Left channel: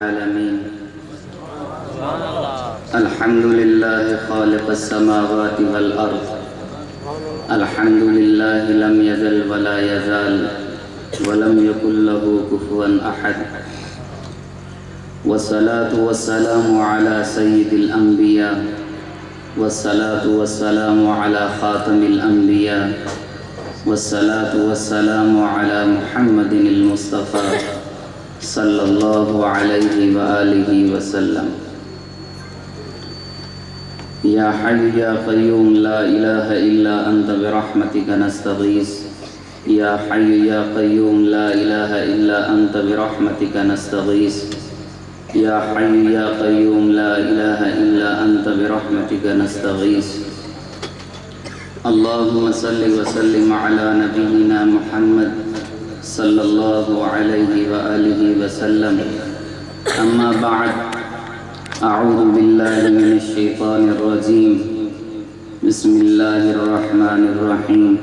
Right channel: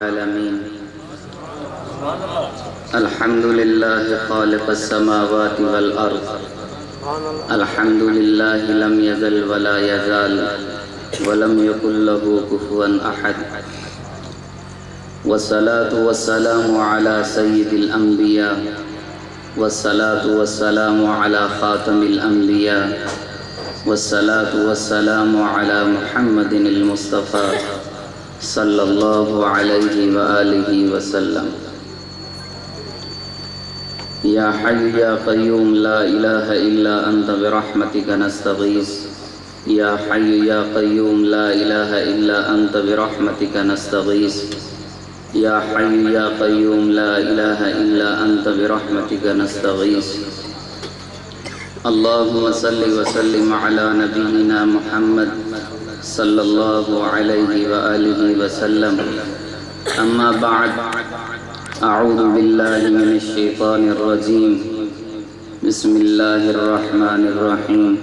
العالمين الحمد لله خالق السماوات والأرض الحمد لله لم يزل ولا يزال ولم يكن له كفوا أحد والصلاة والسلام على سيد الأنبياء والصلاة والسلام على خاتم الأنبياء والصلاة والسلام على محمد المصطفى صلی اللہ علیہ وآلہ وسلم یا حی یا قیوم لا الہ الا انت برحمتک نستغیث یا حی یا قیوم لا الہ الا انت برحمتک نستغیث یا حی یا قیوم لا الہ الا انت برحمتک نستغیث اللہم صلی وسلم علی نبینا محمد صلی اللہ علیہ وآلہ وسلم اما بعد اعوذ باللہ من الشیطان الرجیم بسم اللہ الرحمن الرحیم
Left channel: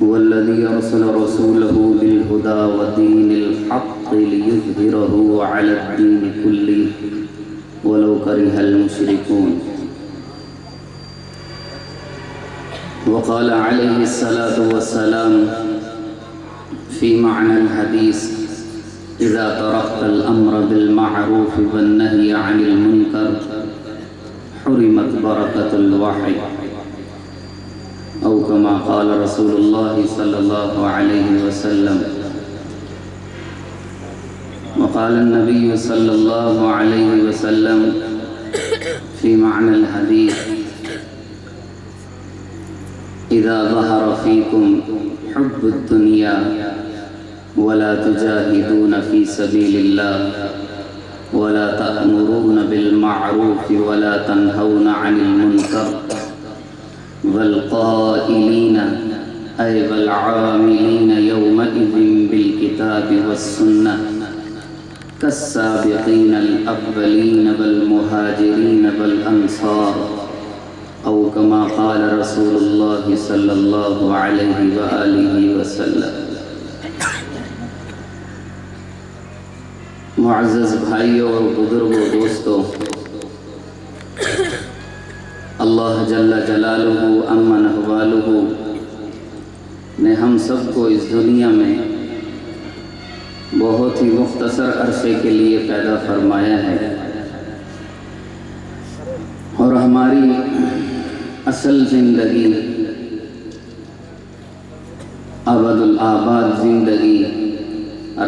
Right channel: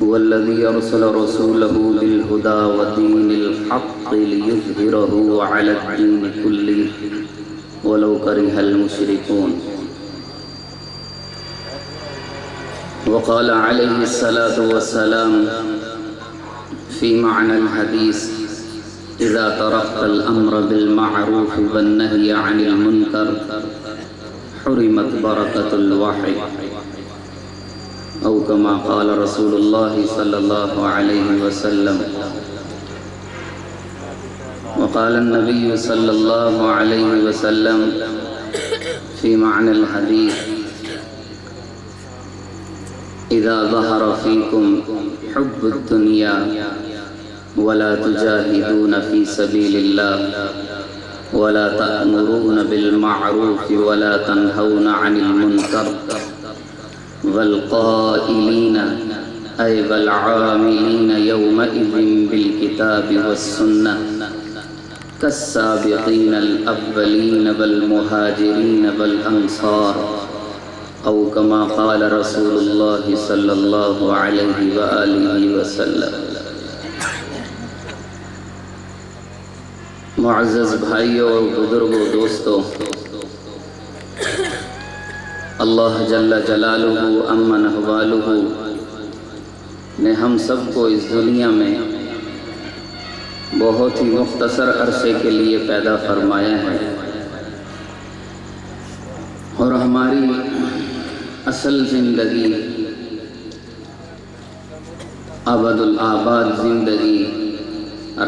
والذی ارسل رسولہ بالہدى ودین الحق لیظہرہ علی الدین کلہ ولو کرہ المشرکون وقال علیہ الصلاة والسلام في معنى الحديث إذا تركت الأمر بالمعروف والنهي عن المنكر حرمت بركة الوحي أو كما قال رسول الله صلى الله عليه وسلم وقال النبي صلى الله عليه وسلم في معنى الحديث إذا ظهر فيكم حب الدنيا ولا تجاهدون في سبيل الله ولا تأمرون بالمعروف ولا تنهون عن المنكر والقائلين أي والعاملين يومئذ بالكتاب والسنة كالسابقين الأولين والمهاجرين والأنصار أو كما قال رسول الله صلى الله عليه وآله وسلم معزز بھائیوں اور بزرگوں دوستوں، اللہ جل جلالہ امن احوالہ نے ہم سب کو اس دنیا میں بہت ہی مختصر عرصے کے لیے پیدا فرمایا ہے اور ہماری اصل زندگی ابد الآباد زندگی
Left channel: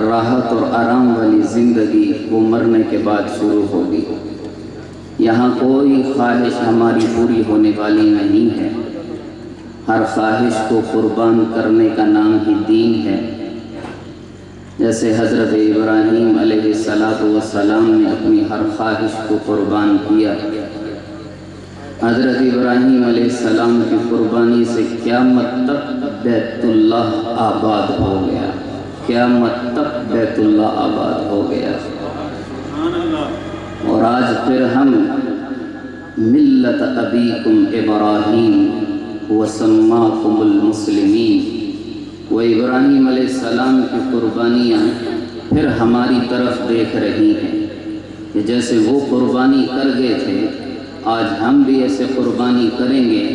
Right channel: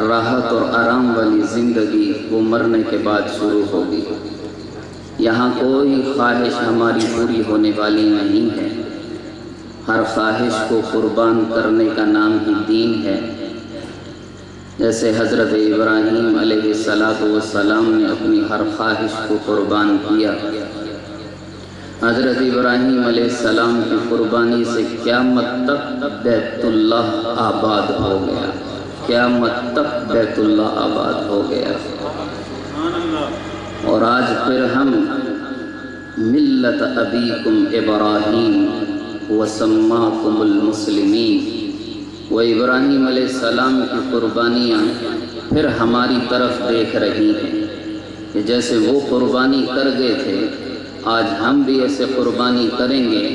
راحت اور آرام والی زندگی وہ مرنے کے بعد شروع ہوگی۔ یہاں کوئی خواہش ہماری پوری ہونے والی نہیں ہے، ہر خواہش کو قربان کرنے کا نام ہی دین ہے۔ جیسے حضرت ابراہیم علیہ السلام نے اپنی ہر خواہش کو قربان کیا، حضرت ابراہیم علیہ السلام کی قربانی سے قیامت تک بیت اللہ آباد ہو گیا، قیامت تک بیت اللہ آباد ہو گیا۔ اور آج پھر ہم ملت ابیکم ابراہیم وسماکم المسلمین، وہ ابراہیم علیہ السلام کی قربانیاں پھر ہماری طرف دیکھ رہی ہیں کہ جیسے وہ قربانی کر گئے تھے، آج ہم بھی ایسے قربانی کریں گے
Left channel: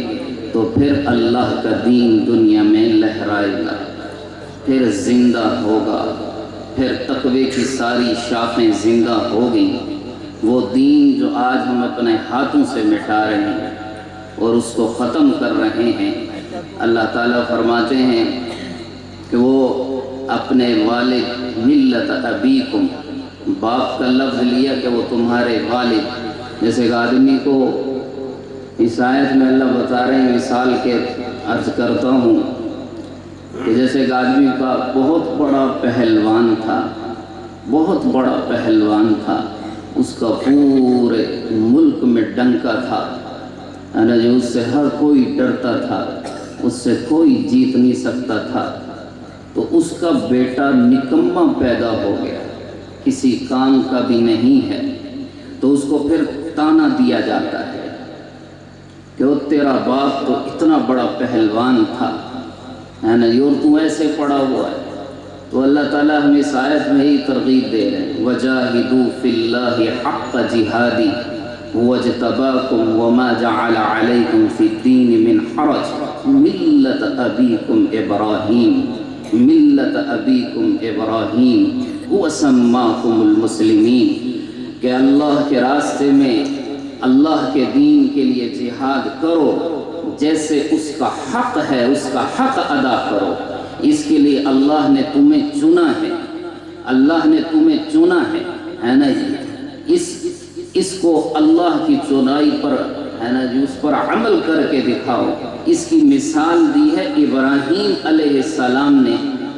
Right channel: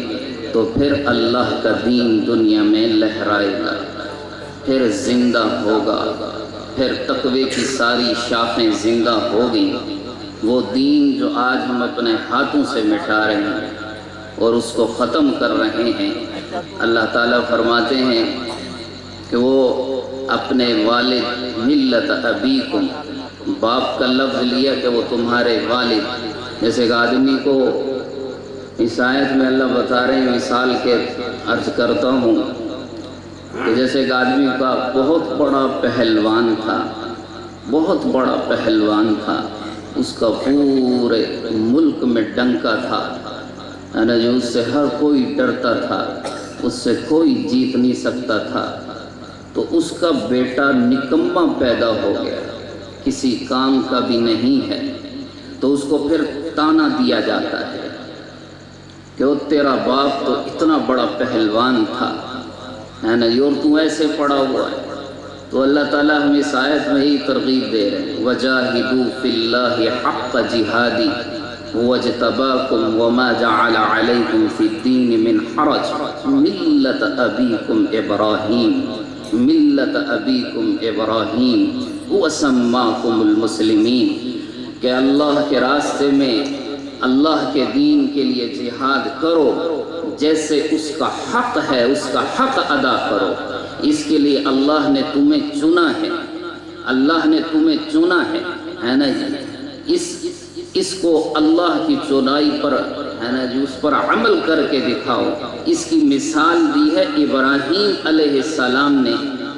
تو پھر اللہ کا دین دنیا میں لہرائے گا، پھر زندہ ہوگا، پھر تقوی کی ساری شاخیں زندہ ہوگی۔ وہ دین جو آج ہم اپنے ہاتھوں سے مٹا رہے ہیں اور اس کو ختم کر رہے ہیں، اللہ تعالیٰ فرماتے ہیں کہ وہ اپنے والد ملت ابیکم، باپ کا لفظ لیا کہ وہ تمہارے والد۔ جیسے ایک آدمی کو اس آیت میں اللہ بتا رہے ہیں، مثال کے عرض کرتا ہوں کہ جیسے ایک آدمی کا بہت بڑا پہلوان تھا، بہت بڑا پہلوان تھا، اس کا پورے ملک میں ڈنکا تھا، جو اس سے ہر کوئی ڈرتا تھا، اس سے کوئی جیت نہیں سکتا تھا۔ تو اس کا بیٹا نکما پیدا ہو گیا، کسی کام کا بھی نہیں ہے، تو اس کو پھر تانا دیا جاتا ہے کہ وہ تیرا باپ تو اتنا بڑا پہلوان تھا، ہے نا، اور تو ایسے پڑا ہوا ہے، تو اللہ تعالیٰ ہمیں اس آیت میں ہی ترغیب دے رہے ہیں وَجَاهِدُوا فِي اللَّهِ حَقَّ جِهَادِهِ وَاجْتَبَاكُمْ وَمَا جَعَلَ عَلَيْكُمْ فِي الدِّينِ مِنْ حَرَجٍ مِلَّةَ أَبِيكُمْ إِبْرَاهِيمَ مِلَّةَ أَبِيكُمْ إِبْرَاهِيمَ وَسَمَّاكُمُ الْمُسْلِمِينَ کہ اللہ کے راستے میں اللہ کے دین کے لیے جہاد کرو، جیسے اس کا حق ہے اس کا حق ادا کرو۔ اس کے لیے اللہ نے تمہیں چنا ہے، اللہ نے تمہیں چنا ہے نا جی۔ اس کو اللہ کی چنائی پر ہے نا جی، اس پر عمل کر کے دکھاؤ۔ اس کی مثال دی ہے ابراہیم علیہ السلام نے،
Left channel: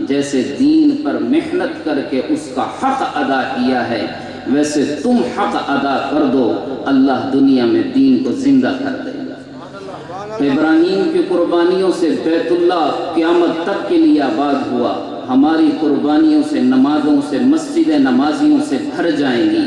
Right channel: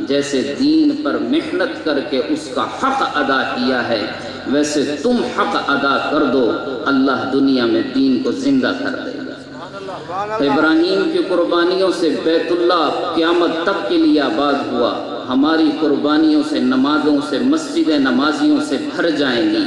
جیسے دین پر محنت کر کے اس کا حق ادا کیا ہے، ویسے تم حق ادا کر دو، اللہ دنیا میں دین کو زندہ کر دے گا۔ ابراہیم کی قربانیوں سے بیت اللہ قیامت تک کے لیے آباد ہوا، ہماری قربانیوں سے، نمازوں سے، مسجد نمازیوں سے بھر جائیں گی،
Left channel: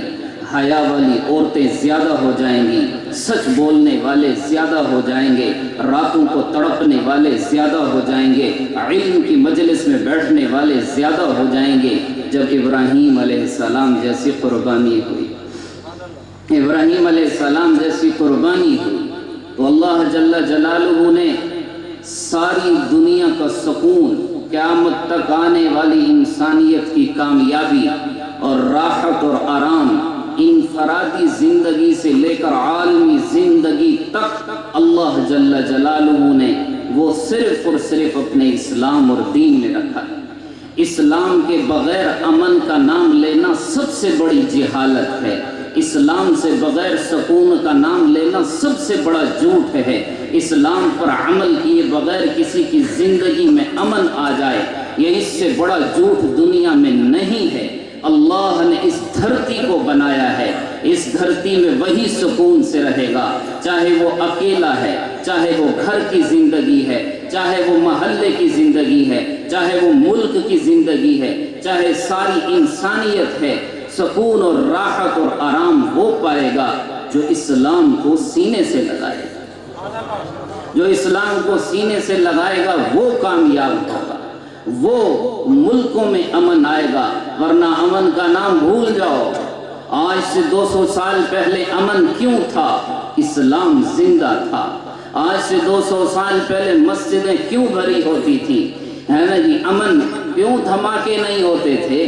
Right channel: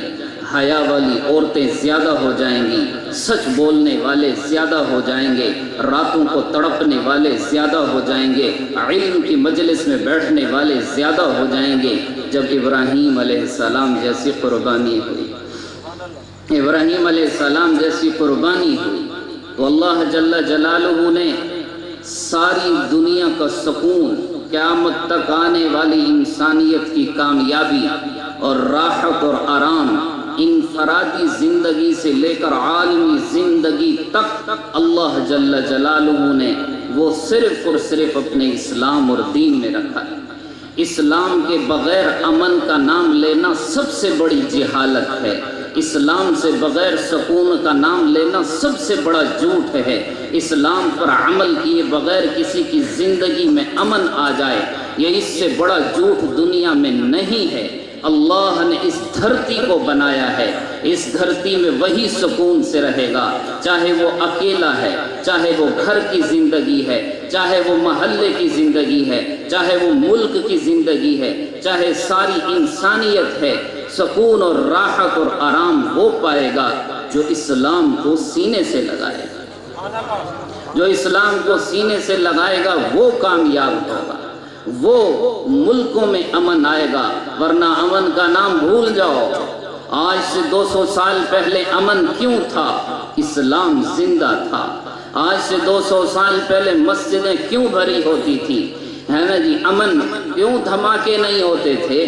حیا والی عورتیں زیادہ ہو جائیں گی، سچ بولنے والے زیادہ ہو جائیں گے، راتوں کو تڑپنے والے زیادہ ہو جائیں گے، علم کی مجلس میں بیٹھنے والے زیادہ ہو جائیں گے۔ جب ابراہیم علیہ السلام جیسی قربانی ہوئی، ابراہیم علیہ السلام جیسی قربانی ہوئی، تو اللہ جل جلالہ نے ساری دنیا کا سکون، قیامت تک آنے والی انسانیت کی کامیابی اور راحت اور آرام، انفرادی زندگی سے لے کر عالمی زندگی تک اللہ جل جلالہ نے وہ صرف اور صرف اپنے اسلام اور دین میں رکھا ہے۔ اسلام کے بغیر امن کا نام لینا سب سے بڑی جہالت ہے، اسلام سے بغیر سکون کا نام لینا سب سے بڑا جھوٹ ہے۔ اسلام پر عمل کیے بغیر کسی کی زندگی میں امن آ جائے، یہ اس سے بڑا جھوٹ دنیا میں نہیں ہے۔ اللہ نے اس دھرتی کو بنایا ہے، اس دھرتی میں وہی سکون سے رہے گا، چاہے وہ اکیلا ہے، چاہے وہ گھر کی زندگی ہے، چاہے وہ محلے کی زندگی ہے، چاہے وہ ملک کی زندگی ہے، چاہے ساری انسانیت ہے۔ سکون اور راحت اور آرام وہ پائے گا جو اسلام کو سینے سے لگائے گا، جو اسلام کو سینے سے لگائے گا وہ کامیاب ہوگا، وہ ملکوں میں امن آئے گا، ورنہ امن کا نام بھول جاؤ۔ آج سے 200 سال پہلے امن کیوں تھا؟ اسلام زندہ تھا۔ آج سے 200 سال پہلے مسجدیں کیوں بھری ہوتی تھی، ہے نا جی؟ امن کیوں، دھماکے نہیں ہوتے تھے،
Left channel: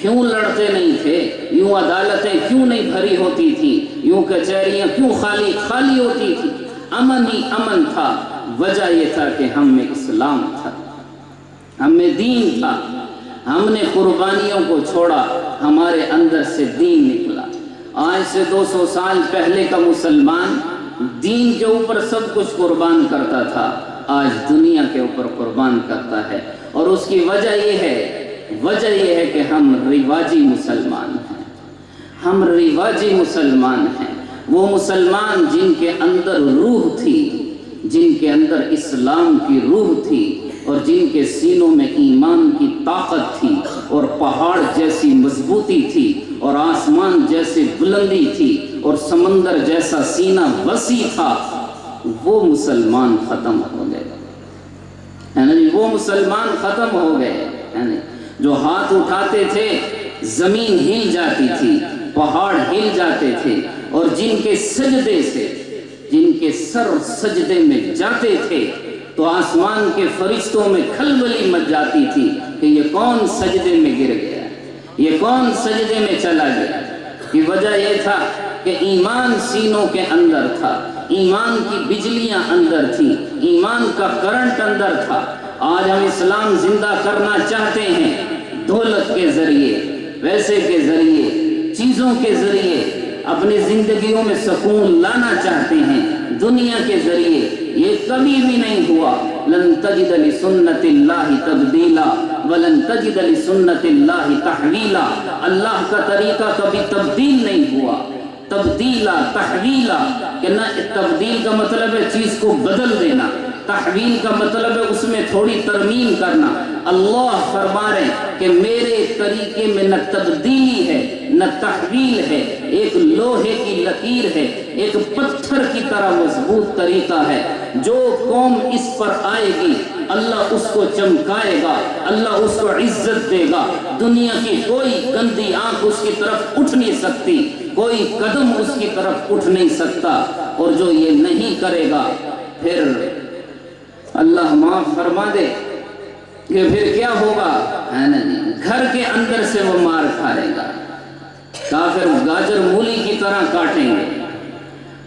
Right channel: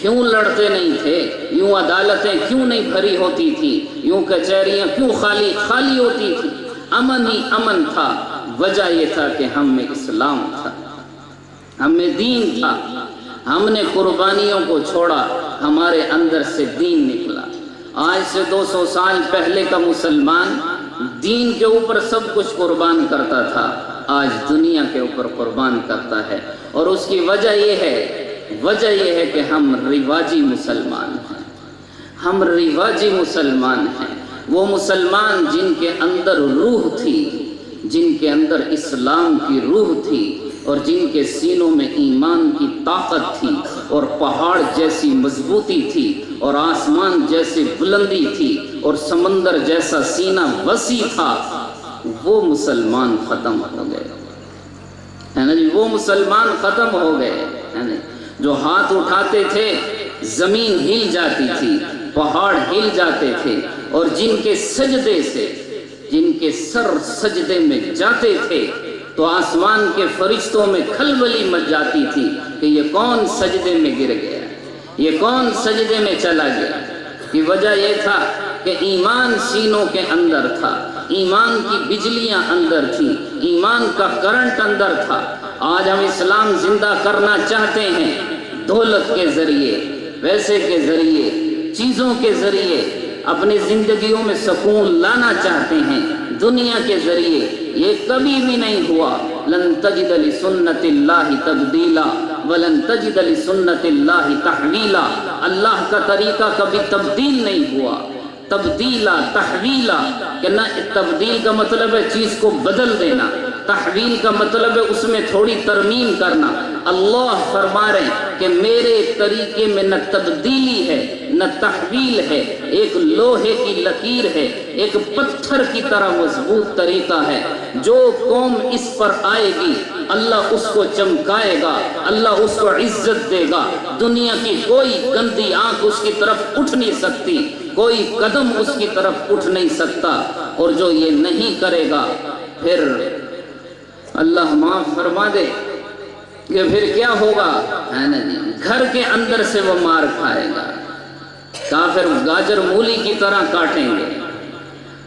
کیوں لڑتے نہیں تھے، یوں عدالتیں کیوں نہیں بھری ہوتی تھی، یوں کچہریاں کیوں خالی ہوتی تھی؟ امن ہی امن تھا۔ وجہ یہ تھا کہ ہم میں اسلام تھا، ہم میں دین تھا، ہم نے قربانیوں کو چھوڑا، ہمارے اندر سے دین نکلا۔ آج سے 200 سال پہلے کا مسلمان دین کے اوپر سب کچھ قربان کرتا تھا، آج دنیا کے اوپر قربان کرتا ہے، اور اس کی وجہ یہ ہے کہ ہم رواجی مسلمان ہیں، ہم رواجی مسلمان ہیں۔ وہ مسلمان جن کے اندر روح تھی، جن کے اندر اسلام کی روح تھی، اور جن کے سینوں میں ایمان کی طاقت تھی، اور پہاڑ جیسی مضبوطی تھی، اور آسمان جیسی بلندی تھی، اور سمندر جیسا سینہ وسیع تھا، وہ مسلمان ختم ہو گئے، ہے نا جی؟ وہ مسلمان ختم ہو گئے، ہے نا؟ جو ہاتھ اٹھاتے تھے زمین ہل جاتی تھی، پہاڑ ہل جاتے تھے، اور جن کے سجدے سے، جن کے سر سجدے میں جاتے تھے تو آسمان کے فرشتوں میں کھلبلی مچ جاتی تھی کہ یہ کون سجدے میں گر گیا، یہ کون سجدے میں چلا گیا۔ کی وجہ یہ تھا کہ ایمان سینوں کے اندر تھا، ایمان کی بجلیاں اندر تھی، ایمان کا کرنٹ اندر تھا۔ آج ہم اسلام زندہ کرنا چاہتے ہیں، دولت کے ذریعے، پیسے کے ذریعے، چیزوں کے ذریعے اپنی زندگیوں میں سکون لانا چاہتے ہیں، دنیا کے ذریعے۔ یہ کبھی بھی نہیں ہوا۔ لن تجد لسنت اللہ تبدیلا ولن تجد لسنت اللہ تحویلا۔ اللہ کا طریقہ کبھی تبدیل نہیں ہوا۔ تبدیلا، تحویلا، کہ نہ تبدیل کا مطلب ہے چیز کو بدل دینا، تحویل کا مطلب ہے اس میں تھوڑی ترمیم کرنا۔ اللہ فرما رہے ہیں کہ میرے طریقے میں نہ تبدیلی ہے نہ تحویل ہے، ایک لوہے کی لکیر ہے، ایک پتھر کی طرح مضبوط طریقہ ہے۔ جو قوم اس پر آئے گی اللہ اس کو چمکائے گا، اللہ اس کو عزت دے گا۔ دنیا کی کوئی گندی آنکھ اس کی طرف اٹھ نہیں سکتی، کوئی قدم اس کی طرف اٹھ نہیں سکتا۔ اور جو یہ نہیں کرے گا پھر اللہ معاف فرما دے کہ پھر کیا ہوگا، ہے نا نہیں، گھر کے اندر سے وہ مار کھائے گا، کافر گاجر مولی کی طرح کاٹیں گے۔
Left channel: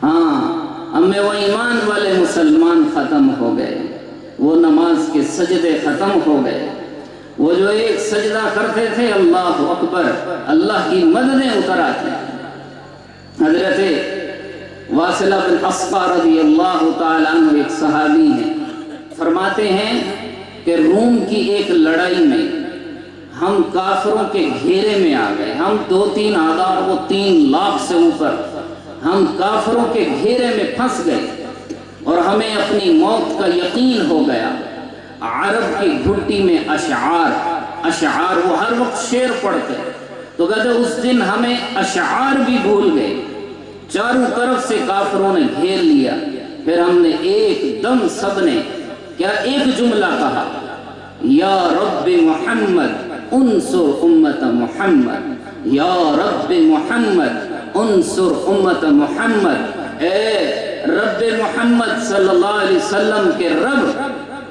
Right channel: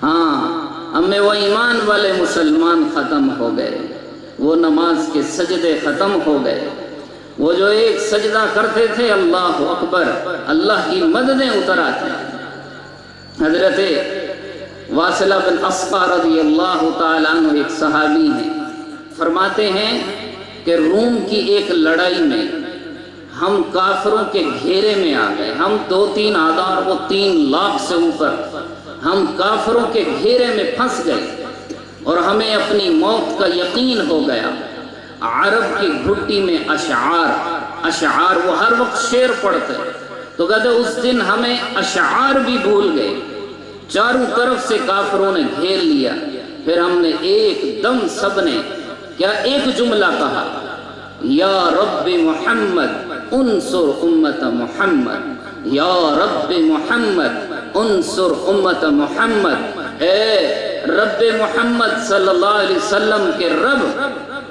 ہاں، ہمیں وہ ایمان والے مسلمان ختم ہو گئے، وہ نماز کے سجدے ختم ہو گئے، وہ جو ایک سجدہ کرتے تھے اللہ اکبر، اللہ کی مددیں اتر آتی۔ حضرت واصلہ بن اسقع رضی اللہ تعالیٰ عنہ ایک صحابی ہیں، فرماتے ہیں کہ روم کی ایک لڑائی میں ہم کافروں کے گھیرے میں آ گئے، ہم 2-3 آدار، وہ 3 لاکھ سے اوپر، ہم کافروں کے گھیرے میں پھنس گئے اور ہمیں اپنی موت کا یقین ہو گیا۔ عرب کی گھٹی میں اشعار وہ ہر وقت شعر پڑھتے، تو کہتے اس دن ہمیں اشعار بھی بھول گئے، چاروں طرف سے کافروں نے گھیر لیا۔ پھر ہم نے ایک دم سب نے کیا ایک جملہ کہا، یا رب محمد انصر امت محمد، یا رب محمد انصر امت محمد، اے رب محمد صلی اللہ علیہ وسلم کے رب،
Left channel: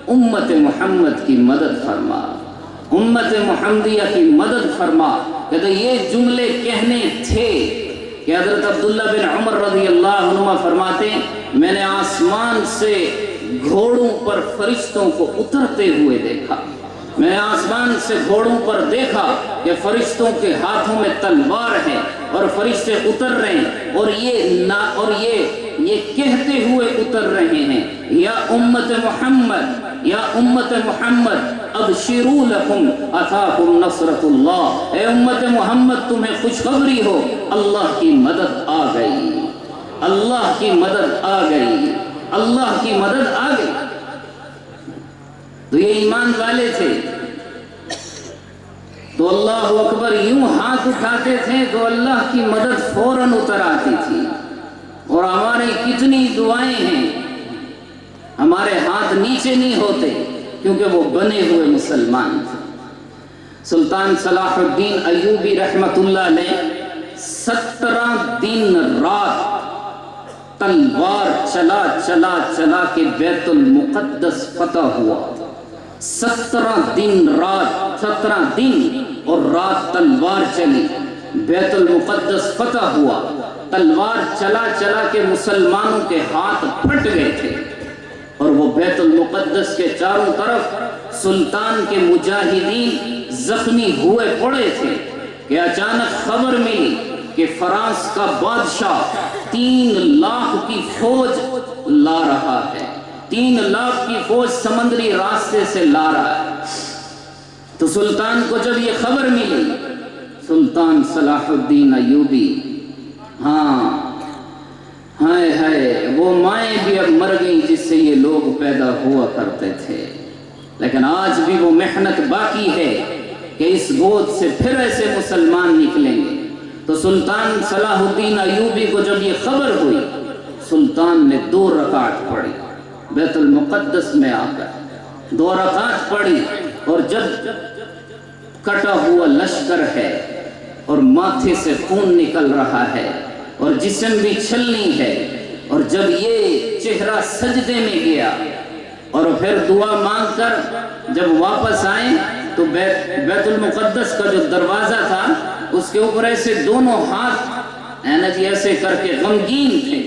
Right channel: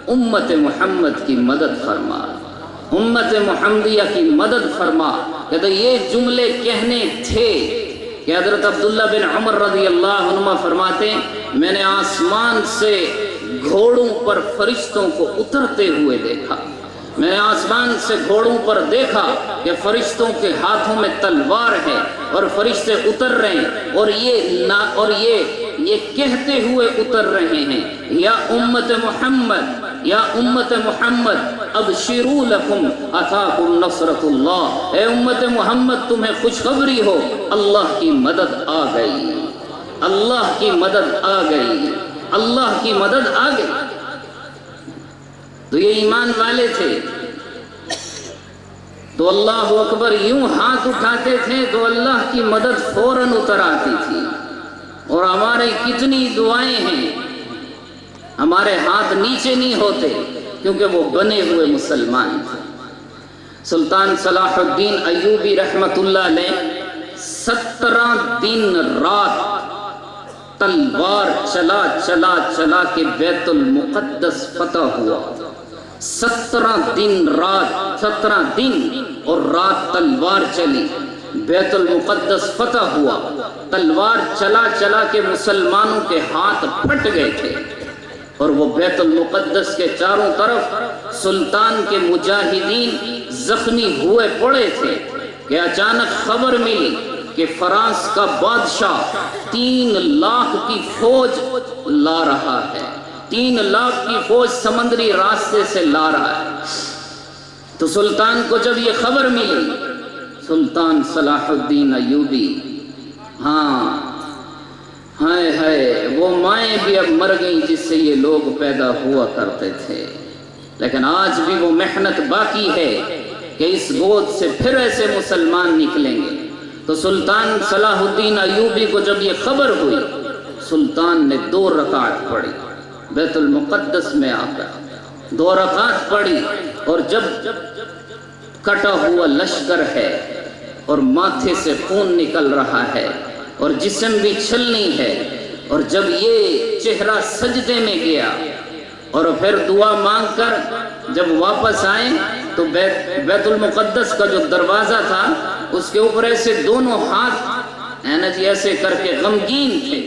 امت محمد کی مدد فرما، امت محمدیہ کی مدد فرما۔ کہتے یہ جملے کہنے تھے کہ حضرت عبداللہ بن عمر رضی اللہ عنہ فرماتے ہیں میں نے آسمان سے گھوڑوں پر فرشتوں کو اترتے ہوئے دیکھا، میں نے آسمان سے گھوڑوں پر دیکھا کہ فرشتوں کے ہاتھوں میں تلوار ہے اور فرشتے اتر رہے ہیں، اور یہ کہتے ہوئے اتر رہے ہیں، یا امت محمد، یا امت محمد ابشروا لکم اتاکم نصرت اللہ، اے امت محمد تمہیں خوشخبری ہو، اللہ کی مدد آ گئی، اللہ کی مدد آ گئی، اللہ کی مدد آ گئی۔ تو یہ ایمان والے تھے تو اللہ اکبر یوں ہاتھ اٹھاتے تھے تو اللہ کی مدد فوراً اتر آتی تھی۔ اور ہمارے کتنی دعائیں ہیں، ہمارے ہاتھ نیچے نہیں ہوتے کیونکہ وہ بنے ہوئے مسلمان تھے۔ سلطان صلاح الدین ایوبی رحمت اللہ علیہ 17 دن رات تلوار چلا چلا چلا کے بیت المقدس فتح ہوا۔ 17 دن رات، 17 دن اور رات تلوار چلی، بیت المقدس فتح ہوا۔ تلوار چلا چلا کے مسلمانوں کے ہاتھ پھٹ گئے تھے اور وہ بیت المقدس کے چاروں طرف سلطان کے مجاہدین زخمی ہوئے پڑے تھے کہ اچانک خبر ملی کہ فرانس کا بادشاہ 3 لاکھ کی فوج لا رہا ہے، 3 لاکھ کی فوج سمندری راستے سے لا رہا ہے۔ تو سلطان کو جب یہ خبر ملی، سلطان صلاح الدین ایوبی، ہائے وہ مائیں بھی اب مر گئیں جس سے یہ لوگ پیدا ہوا کرتے تھے، لیکن آج بھی وہ محنت باقی ہے کہ اس گود سے پھر ایسے مسلمان نکلیں گے۔ تو سلطان صلاح الدین ایوبی کو جب یہ خبر ہوئی، سلطان نے 2 رکعت پڑھی، بیت المقدس میں آ کر 2 رکعت پڑھی، اور جب کٹا ہوا لشکر ہے اور ماتھے سے خون نکل رہا ہے اور جسم بھی چھلنی ہے، اور جب یہ چہرہ سجدے میں گیا اور پھر دعا مانگ کر جب واپس آئے تو بیت المقدس کا جو دروازہ تھا اس کے اوپر ایسے دونوں ہاتھ ایسے کر کے غمگین تھے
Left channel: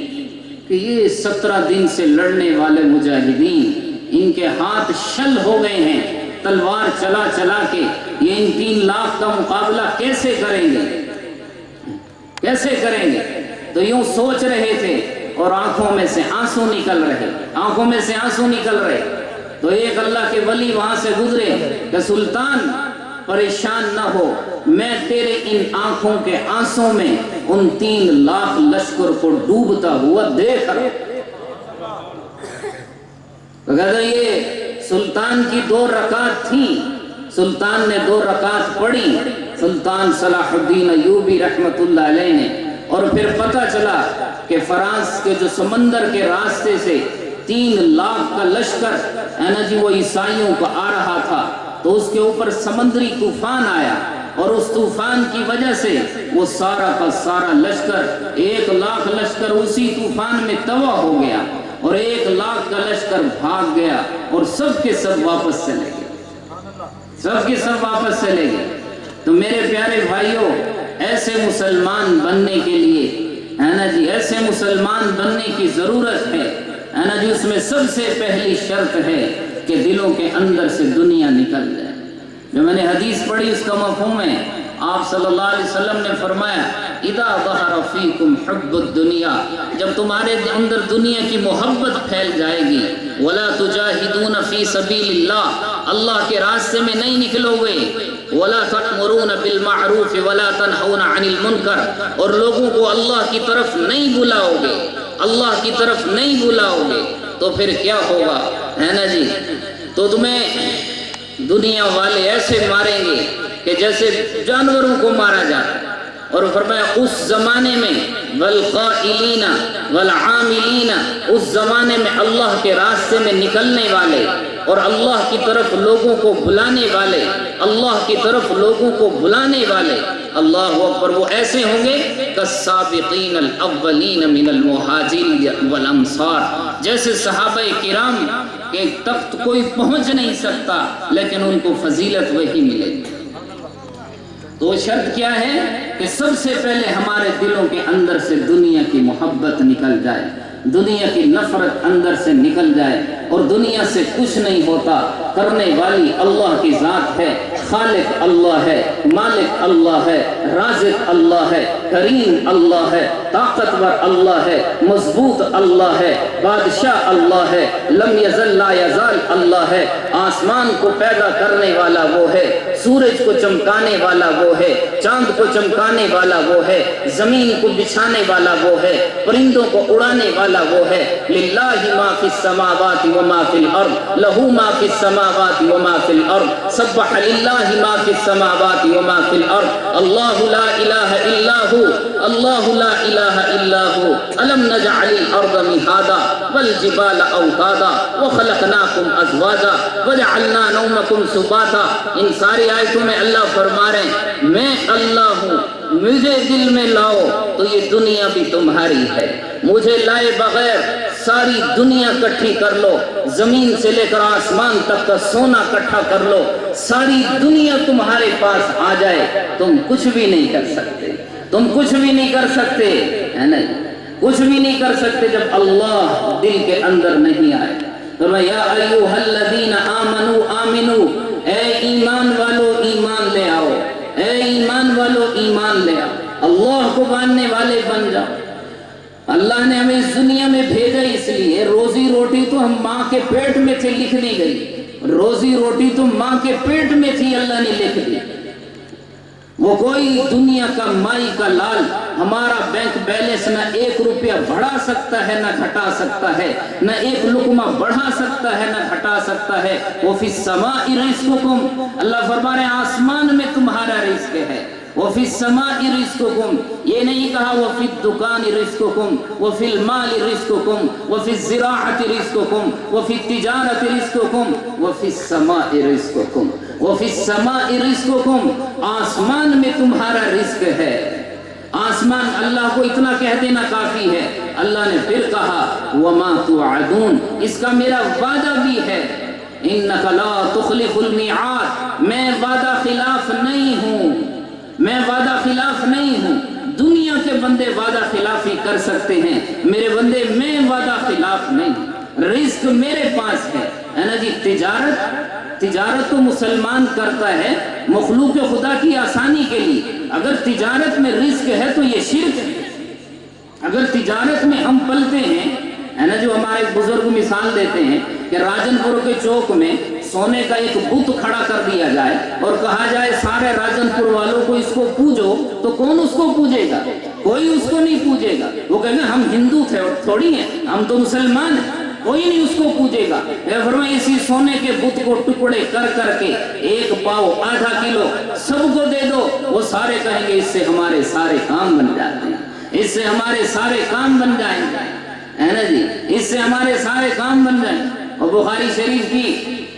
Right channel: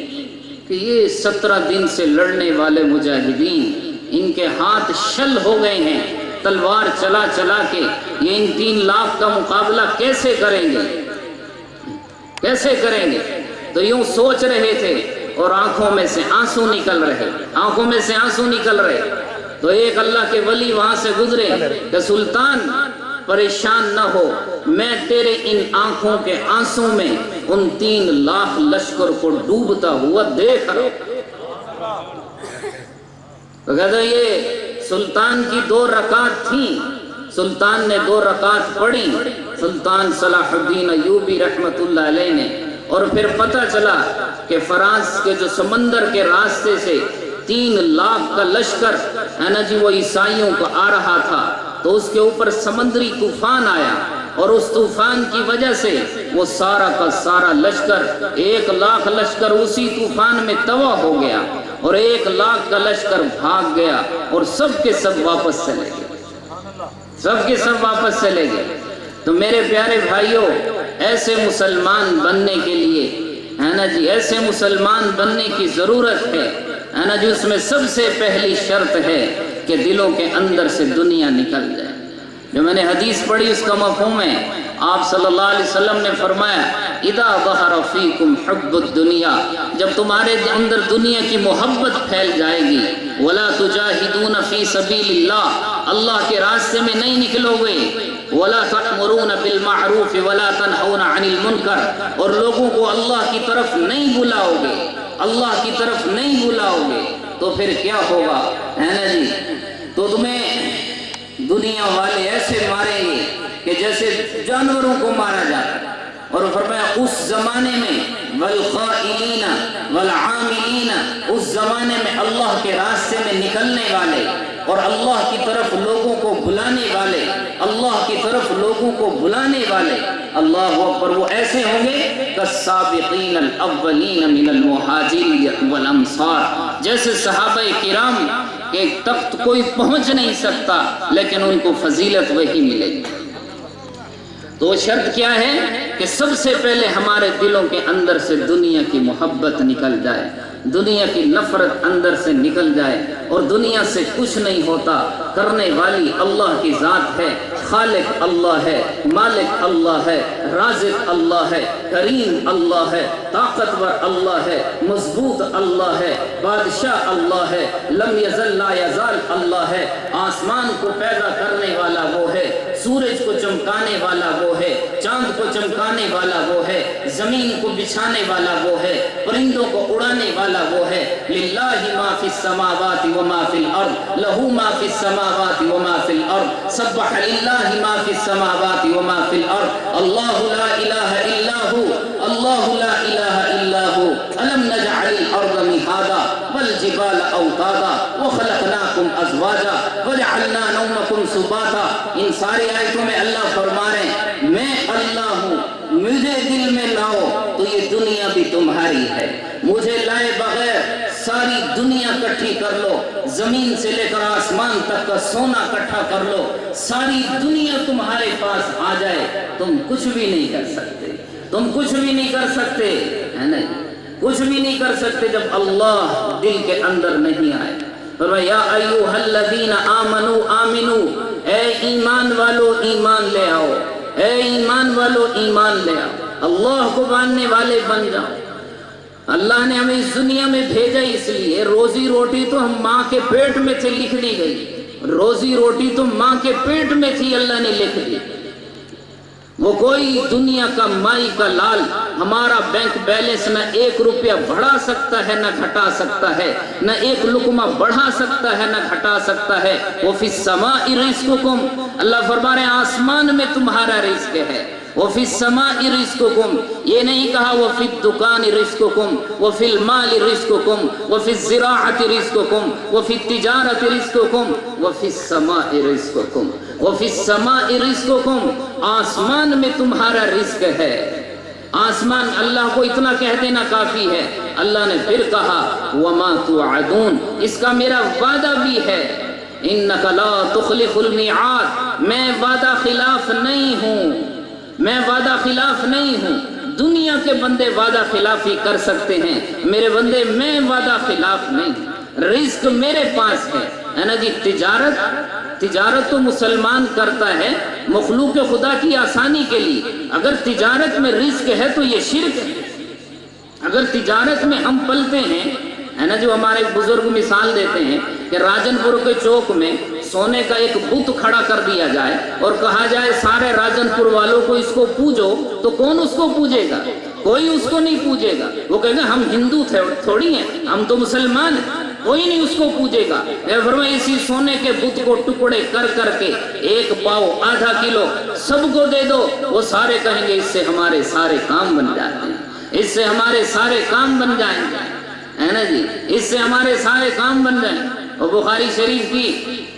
کہ یہ 17 دن سے لڑنے والے مجاہدین، ان کے ہاتھ شل ہو گئے ہیں، تلوار چلا چلا کے یہ ان 3 لاکھ کا مقابلہ کیسے کریں گے، کیسے کریں گے؟ تو یوں سوچ رہے تھے اور آنکھوں میں سے آنسو نکل رہے، آنکھوں میں سے آنسو نکل رہے۔ تو ایک اللہ کے ولی وہاں سے گزرے کہ سلطان پریشان نہ ہو، میں تیرے ان آنکھوں کے آنسوں میں ان 3 لاکھ لشکر کو ڈوبتا ہوا دیکھ رہا۔ تو کہتے یہ سلطان کی 2 رکعت تھیں، سلطان نے 2 رکعت پڑھی سلطان صلاح الدین ایوبی رحمۃ اللہ علیہ نے، اور پھر پتہ چلا کہ فرانس کے جو سمندر کے راستے سے 3 لاکھ کا لشکر ہے نا جی وہ عیسائیوں کو آ رہا تھا، تو اس کے اوپر سمندری طوفان آیا، اور اس طوفان کی وجہ سے وہ سارا کا سارا لشکر 1 لاکھ لشکر اسی طوفان میں تباہ ہو گیا، اور 1 لاکھ کا لشکر بھاگ گیا، اور سب کے سب واپس چلے گئے، سب کے سب واپس چلے گئے۔ تو میرے پیارے بھائیوں، ایسے مسلمان بننے کے لیے ہے نا جی ایسے مسلمان بننے کی ضرورت ہے نا جی، اس میں سب سے پہلی شرط ہے کہ دلوں کے اندر سے دنیا نکل جائے۔ جو میں نے حدیث پڑھی اس کا مفہوم ہے، آپ صلی اللہ علیہ وسلم نے فرمایا اذا ظہر فیکم حب الدنیا، جب تمہارے اندر دنیا کی محبت پھیل جائے گی، ولا تجاہدون فی سبیل اللہ، اللہ کے راستے میں نہیں نکلو گے، ولا تأمرون بالمعروف ولا تنہون عن المنکر، اور لوگوں کو اللہ کی طرف نہیں بلاؤ گے، اللہ کی طرف نہیں بلاؤ گے، تو پھر کیا ہوگا ہے نا جی، تو تمہیں دنیا والے ایسے ماریں گے کہ جیسے جانوروں کو مارا جاتا ہے۔ اور فرمایا اس زمانے میں والقائلین والعاملین، اس زمانے میں اللہ کے راستے میں نکلنے والے اور اللہ کی طرف لوگوں کو بلانے والے، اللہ کی طرف لوگوں کو بلانے والے، اللہ اکبر، وہ ایسے ہوں گے کالسابقین الاولین من المہاجرین والانصار، جیسے صحابہ کرام کہ تخت کوئی پہنچ نہیں سکتا لیکن ان کو فضیلت وہی ملے گی۔ تو شرط کیا ہے کہ سب سے پہلے ہمارے دلوں کے اندر سے دنیا کی محبت نکل جائے، دنیا کی نفرت اندر سے نکل جائے، اور دنیا سے کچھ نہیں ہوتا، کرنے والی اللہ کی ذات ہے، خالق اللہ ہے، مالک اللہ ہے، رازق اللہ ہے، کریم اللہ ہے، طاقتور اللہ ہے، مضبوط اللہ ہے، بادشاہ اللہ ہے، لم یزل لا یزال اللہ ہے، آسمان کو پیدا کرنے والا وہ ہے، سورج کو چمکانے والا وہ ہے، چاند کو چمکانے والا وہ ہے، زمین کو بچھانے والا وہ ہے، پرندوں کو اڑانے والا وہ ہے، للہ ما فی السماوات وما فی الارض، لہو ما فی السماوات وما فی الارض، سبح للہ ما فی السماوات وما فی الارض، اللہ لا الہ الا ہو، اللہ لا الہ الا ہو، الم نجعل الارض مہادا والجبال اوتادا وخلقناکم ازواجا وجعلنا نومکم سباتا۔ ان ساری آیتوں میں اللہ فرما رہے ہیں میں اللہ ہوں، مجھے دل میں لاؤ تو یہ دنیا بھی تمہاری ہے، مجھے لائے بغیر ساری دنیا کٹھی کر لو، زمین سے لے کر آسمان تک کا سونا کٹھا کر لو، ساری دنیا تمہارے پاس آ جائے، تم کچھ بھی نہیں کر سکتے، تم کچھ بھی نہیں کر سکتے، ہے نا، کچھ بھی نہیں کر سکتے جب اللہ دل کے اندر نہیں آئے۔ فرمایا یا ایھا الذین آمنوا آمنو، اے ایمان والو ایمان لے آؤ، اے ایمان والو ایمان لے آؤ، اللہ کو ماننے والے بن جاؤ۔ اللہ نے ہمیں اس دنیا میں بھیجا اس لیے، روزی روٹی تو ہم ماں کے پیٹ میں سے لکھ دی گئی، روزی روٹی تو ماں کے پیٹ میں تھی، اللہ نے لکھ دی۔ وہ کوئی دنیا کا مائی کا لال ہمارا بینک بیلنس نہ 1 روپیہ بڑھا سکتا ہے نہ گھٹا سکتا ہے، نہ 1 لقمہ بڑھا سکتا ہے نہ گھٹا سکتا ہے۔ وَفِي السَّمَاءِ رِزْقُكُمْ، اللہ فرما رہے ہیں آسمان میں تمہارا رزق ہے۔ وَفِي السَّمَاءِ رِزْقُكُمْ، یہ نہیں کہا وَفِي الدُّكَانِ رِزْقُكُمْ، وَفِي الْمَالِ رِزْقُكُمْ، وَفِي الزِّرَاعَةِ رِزْقُكُمْ، وَفِي التِّجَارَةِ رِزْقُكُمْ، وَفِي السَّمَاءِ رِزْقُكُمْ، وَفِي السَّمَاءِ رِزْقُكُمْ، آسمان میں تمہارا رزق ہے۔ آسمان اللہ کو اتنا کہہ دینا کافی ہے، اللہ نے پھر کہا وَمَا تُوعَدُونَ، اس کا میرا وعدہ بھی ہے، إِنَّكَ لَا تُخْلِفُ الْمِيعَادَ، میں وعدہ خلاف نہیں ہوں، میں وعدہ خلاف نہیں ہوں۔ دنیا کے بندے وعدہ خلافی کر سکتے ہیں، میرے بندے میں وعدہ خلاف نہیں ہوں، رزق میرے پاس ہے نا جی۔ تجارت تو مسلمان کرتا ہے مخلوق خدا کی آسانی کے لیے، اگر تجارت میں رزق ہے تو یہ شرک ہے۔ اگر تجارت میں ہم پلتے ہیں ہے نا، جو ہمارے بزرگ مثال دیتے ہیں کہ راجن پور کے چوک میں سونے کا ایک بت کھڑا کر دیا جائے اور کہا جائے سارے راجن پور والوں کو اس کو پوجو، تو کون اس کو پوجے گا؟ کوئی اس کو نہیں پوجے گا، وہ کہیں گے ہم ہندو تھے، تھوڑی ہیں، ہم تو مسلمان ہیں۔ کوئی نہیں اس کو پوجے گا۔ فرمایا اسی سونے کے بت کو ٹکڑے کر کر کے 1 پاؤ آدھا کلو سب کو دے دو، وہ سارے کہیں گے اس سے ہمارے سارے کام بن جاتے ہیں، اس سے ہمارے سارے کام بن جائیں گے، ہے نا جی، اس سے ہمارے سارے کام بن جائیں۔ اور بخاری شریف کی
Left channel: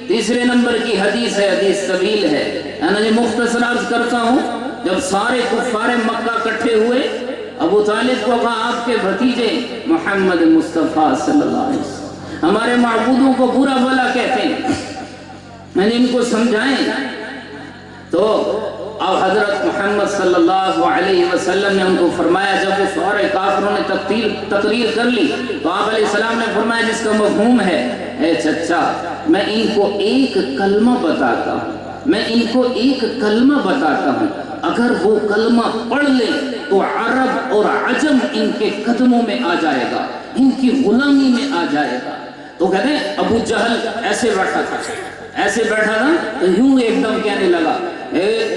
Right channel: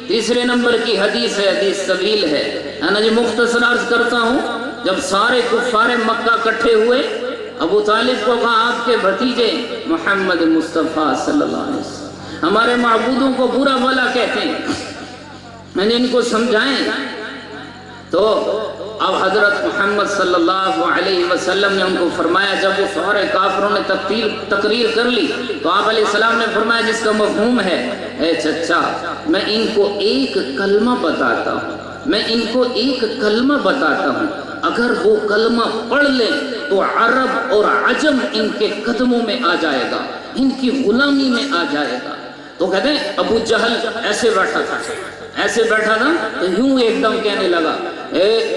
3 نمبر کی حدیث ہے، حدیث طویل ہے نا جی، مختصر عرض کرتا ہوں۔ جب سارے کفار مکہ اکٹھے ہوئے، ابو طالب کو کہا آپ کے بھتیجے محمد مصطفیٰ صلی اللہ علیہ وسلم ہمارے معبودوں کو برا بھلا کہتے ہیں، میں نے ان کو سمجھائیں۔ تو اب حضرت محمد صلی اللہ علیہ وسلم نے ان کو فرمایا، جب وہ سارے کافروں نے تقریر کر لی تو آپ علیہ السلام نے فرمایا جس کا مفہوم ہے، اے چچا میں ان کو ایک کلمہ بتاتا ہوں، میں ان کو ایک کلمہ بتاتا ہوں، اگر وہ کلمہ پڑھ لیں تو عرب اور عجم ان کے قدموں میں آ جائے گا، ان کی غلامی میں آ جائے گا۔ تو کہتے ہیں ابو جہل ایسے بیٹھا تھا تو یوں ایک دم کہنے لگا،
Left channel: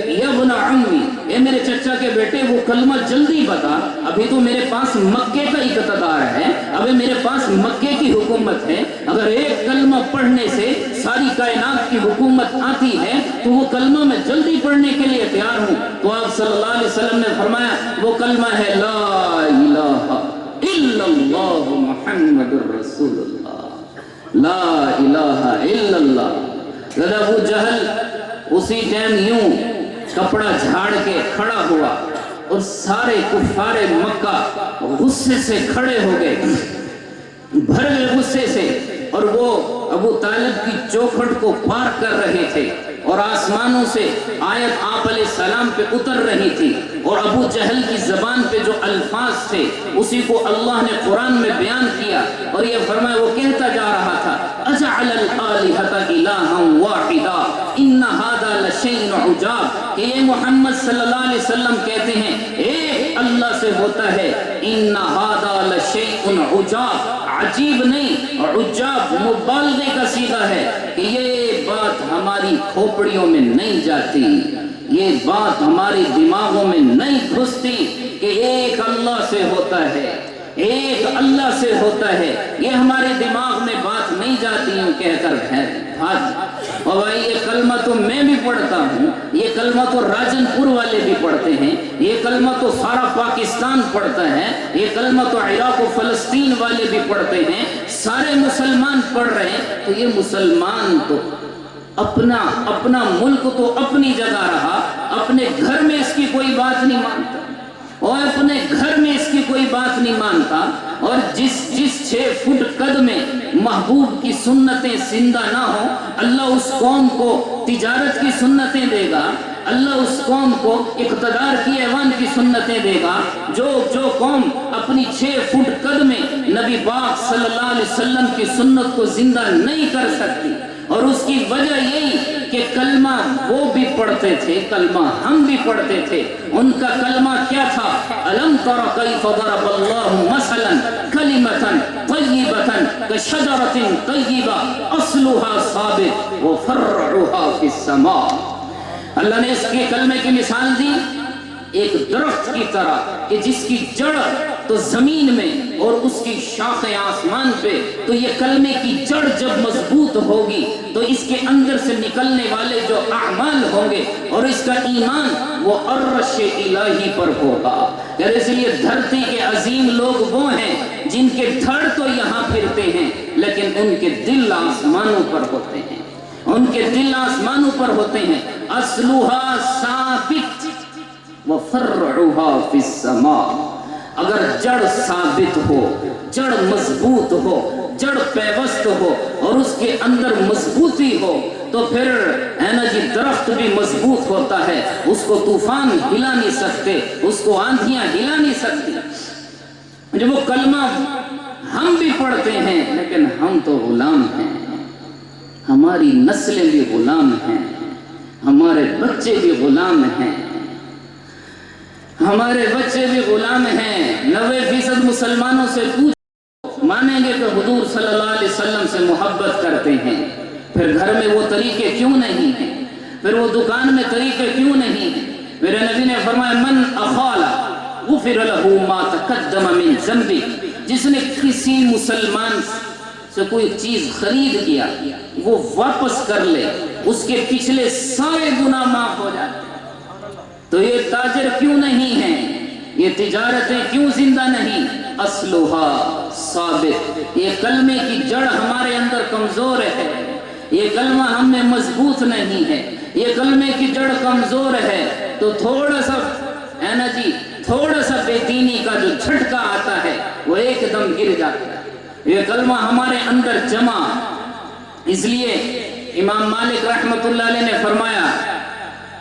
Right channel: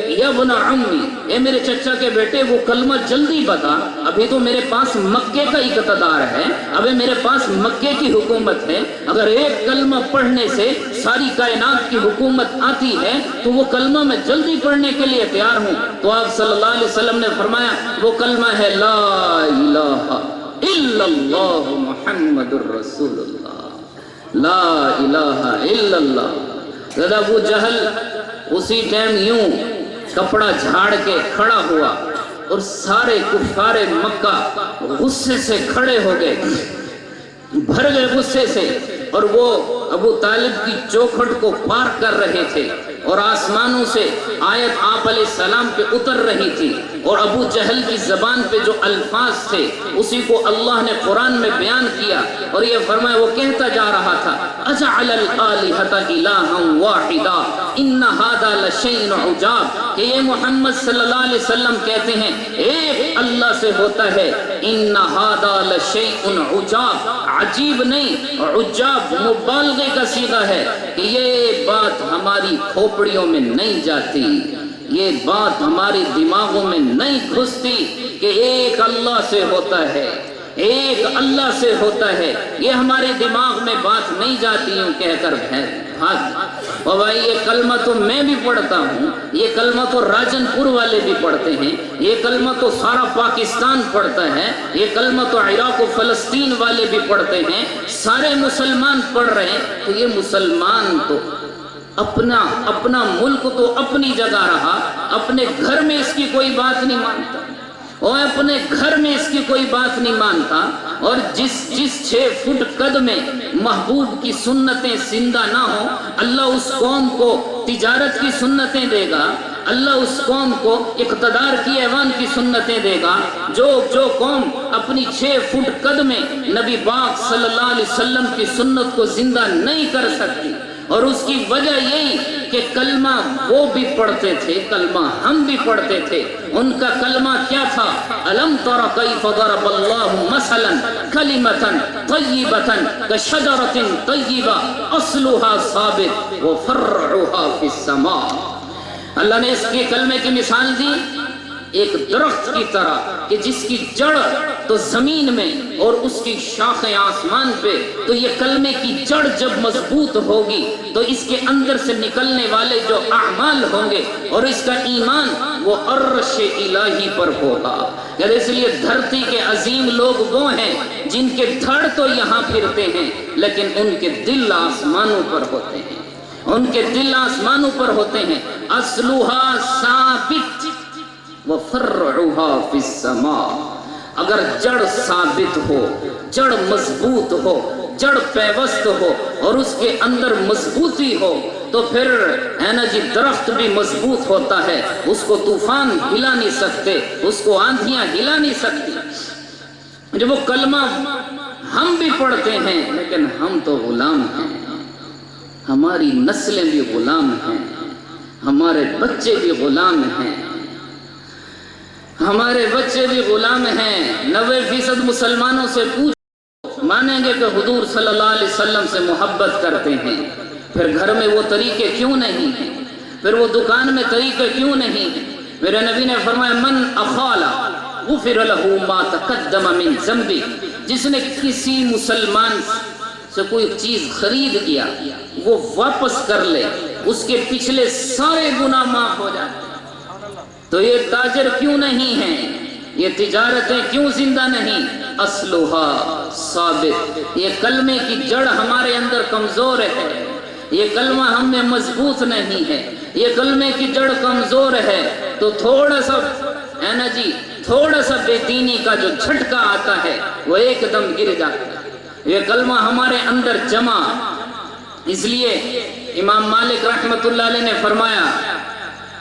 یا ابن عمی، اے میرے چچا کے بیٹے وہ کلمہ جلدی بتا، ابھی تو میرے پاس مکے کا اقتدار ہے، ابھی میرے پاس مکے کی حکومت ہے، اگر ایک کلمہ پڑھنے سے ساری کائنات کی حکومت آتی ہے تو وہ کلمہ میں جلدی پڑھنے کے لیے تیار ہوں۔ تو آپ صلی اللہ علیہ وسلم نے فرمایا وہ کلمہ ہے لا الہ الا اللہ محمد الرسول اللہ، لا الہ الا اللہ۔ ابو جہل اسی ٹائم یوں کپڑا جھاڑ کے کھڑا ہوا اور سارے کفار مکہ غصے سے کھڑے ہو گئے، بھر گئے غصے سے، اور وہ ابو طالب کی چوکھٹ کو پار کر رہے تھے اور آسمانوں سے آیت آپ علیہ السلام پہ اتر رہی تھی، اور ابو جہل کی زبان پہ جو الفاظ تھے اسی کو اللہ نے قرآن میں بیان کیا، اور یہ فرمایا وہ کہتا جا رہا تھا اجعل الآلہۃ الہا واحدا ان ھذا لشیء عجاب، کہ یہ محمد صلی اللہ علیہ وسلم کہتے ہیں ایک اللہ سے ہوتا ہے، ان ھذا لشیء عجاب، عجیب نہیں، عجاب مبالغے کا صیغہ ہے کہ یہ بات ہماری کھوپڑیوں میں نہیں جاتی، یہ بات ہمارے دماغوں میں نہیں گھستی کہ ایک اللہ سے ہوتا ہے، ایک اللہ سے ہوتا ہے، یہ ہمارے دماغ میں بات نہیں جاتی ہوں کہہ کر بھاگ۔ اور بھائی یہ کلمہ تو میں بھی پڑھتا ہوں، یہ کلمہ تو راجن پور والے بھی پڑھتے ہیں، یہ کلمہ تو سارا پاکستان پڑھتا ہے، یہ کلمہ تو عراق و فلسطین والے بھی پڑھتے ہیں، سارے مسلمان پڑھ رہے ہیں۔ تو یہ مسلمان تو اپنا ملک تو اپنی جگہ رہا، اپنے گھر میں اس کی کوئی بات نہیں مانتا، اور اپنے گھر میں اس کی کوئی بات نہیں مانتا، اور جس 6 فٹ قد میں محبوب کی سنتیں زندہ نہ ہوں، اللہ اس قوم کو تجارت کی سنتیں دے گا، اللہ اس قوم کو اقتدار کی ایوان کی سنتیں دے گا۔ جو قوم اپنی 6 فٹ قد میں نبی پاک صلی اللہ علیہ وسلم کی سنت کو زندہ نہیں کر سکتی، اور اس کی وجہ یہی کہ کلمہ وہ بھی پڑھتے تھے، کلمہ ہم بھی پڑھتے تھے۔ ان کا کلمہ کیا تھا؟ الم تر کیف ضرب اللہ مثلا کلمۃ طیبۃ کشجرۃ طیبہ اصلها ثابت وفرعها فی السماء۔ اللہ نے اس کے کلمے کی مثال دی ایک درخت کی طرح کہ جس کی جڑ تو زمین میں اور اس کی شاخیں آسمان پہ، تو یہ کلمے کی جڑ جب مضبوط ہوگی تو اس کے اندر سے نکلنے والے جو اعمال ہوں گے اور اس کا ایمان وہ عرش الہی پر ہوگا۔ اس لیے دھرتی کے عظیم لوگ وہ ہیں جن کے دھڑ تو یہاں پھرتے ہیں لیکن ان کے دل آسمانوں پر ہوتے ہیں، ان کے دل آسمانوں پر ہوتے ہیں۔ اصلها ثابت وفرعها فی السماء، اگر جڑ ثابت ہو، جڑ مضبوط ہو، جڑ پیوست ہو اور اس کے اندر مضبوطی ہو تو پھر ہے نا جی درخت بھی مضبوط ہوتا ہے، اس کو طوفان ہلا نہیں سکتے، اس کو آندھیاں ہلا نہیں سکتی۔ جب وہ کلمہ ہم بھی پڑھتے ہیں لیکن ہم تو غلام ہیں، ہماری نسلیں بھی غلام ہیں، ہمارے بچے بھی غلام ہیں، ہمارے بچے بھی غلام ہیں۔ 90% مسلمانوں سے پوچھ مانیں گے کہ حضور صلی اللہ علیہ وسلم سے محبت کرتے ہیں، پھر گھر میں وہ طریقے کیوں نہیں ہیں، پھر وہ دکان میں طریقے کیوں نہیں ہیں؟ میرے نبی نے فرمایا من اخال غفر له ما تقدم من ذنبه، جس نے کسی مسلمان سے کوئی چیز خرید کیا وہ واپس کر لے، اس کے پچھلے سارے گناہ معاف ہو جاتے ہیں۔ تو یہ تاجر کیوں نہیں ہے، یہ تجارتیں کیوں زندہ نہیں؟ اصلھا ثابت، یہ کلمے کی جڑ ہمارے اندر کمزور ہے، یہ کلمہ ہم میں مضبوط نہیں ہے، یہ کلمے کی جڑ کمزور ہے، تو تھوڑا سا ہے نا جی، تھوڑا سا بے دینی کا جو جھٹکا آتا ہے وہ ایک دم گر جاتا ہے۔ یہ کلمہ ہمارے اندر جمع، اس لیے امام مالک رحمت اللہ علیہ نے فرمایا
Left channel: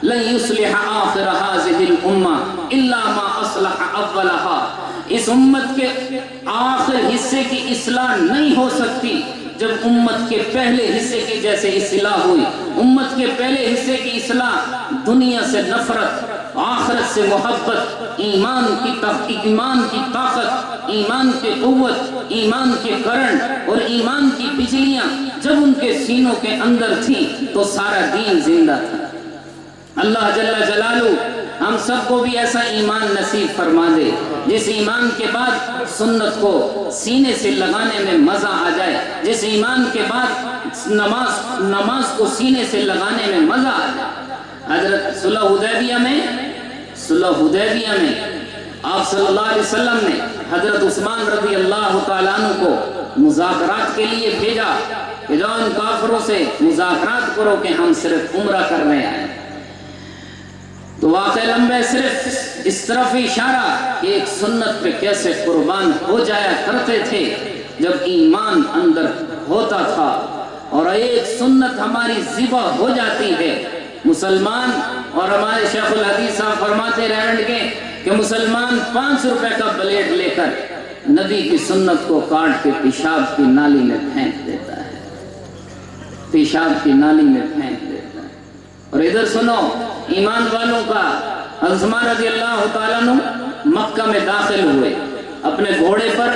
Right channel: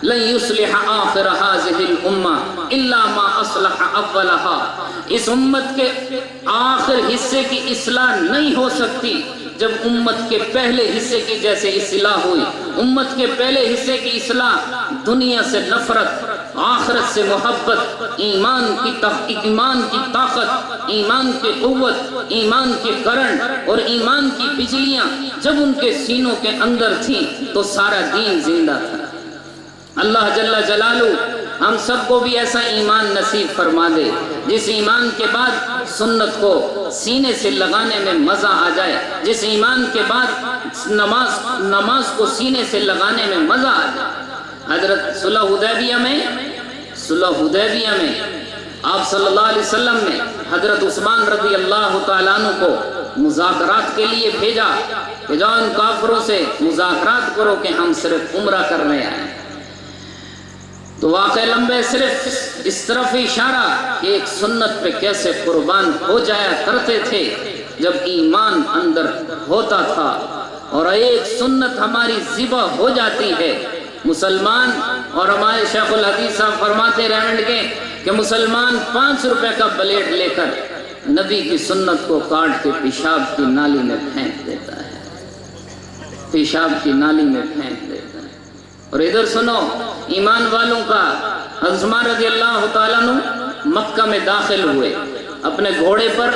لن يصلح آخر هذه الامہ الا ما اصلح اولها، اس امت کے آخر حصے کی اصلاح نہیں ہو سکتی جب امت کے پہلے حصے کی جیسے اصلاح ہوئی۔ امت کے پہلے حصے کی اصلاح دنیا سے نفرت، آخرت سے محبت، ایمان کی طاقت، ایمان کی قوت، ایمان کے کرنٹ اور ایمان کی بجلیاں جب ان کے سینوں کے اندر تھیں تو سارا دین زندہ تھا۔ اللہ جل جلالہ ہم سب کو بھی ایسا ایمان نصیب فرما دے جس ایمان کے بعد سنت کو سینے سے لگانے میں مزہ آ جائے، جس ایمان کے بعد نماز کو سینے سے لگانے میں مزہ آ جائے۔ حضرت صلح حدیبیہ میں آپ صلی اللہ علیہ وسلم نے حضرت عثمان رضی اللہ تعالیٰ عنہ کو مذاکرات کے لیے بھیجا کہ جاؤ ان کافروں سے مذاکرات کرو کہ ہم صرف عمرہ کرنے آئے۔ تو واقع لمبے صرف اس طرف اشارہ کہ ایک سنت پہ کیسے قربان ہو جایا کرتے تھے جب ایمان اندر ہوتا تھا، اور ایک سنت ہماری ذبح ہو جاتی ہے۔ مسلمان، اور ہمارے شیخ الحدیث صاحب فرماتے رہنے لگے کہ مسلمان 5 روپے کا بلیڈ لے کر نبی کی سنت کو کاٹ کے پیشاب کی نالی میں پھینک دیتا ہے، پیشاب کی نالی میں پھینک دیتا ہے۔ اور ادھر سنو ایمان والوں کا، حضرت عثمان رضی اللہ تعالیٰ عنہ مکہ میں داخل ہوئے اپنے گھوڑے پر،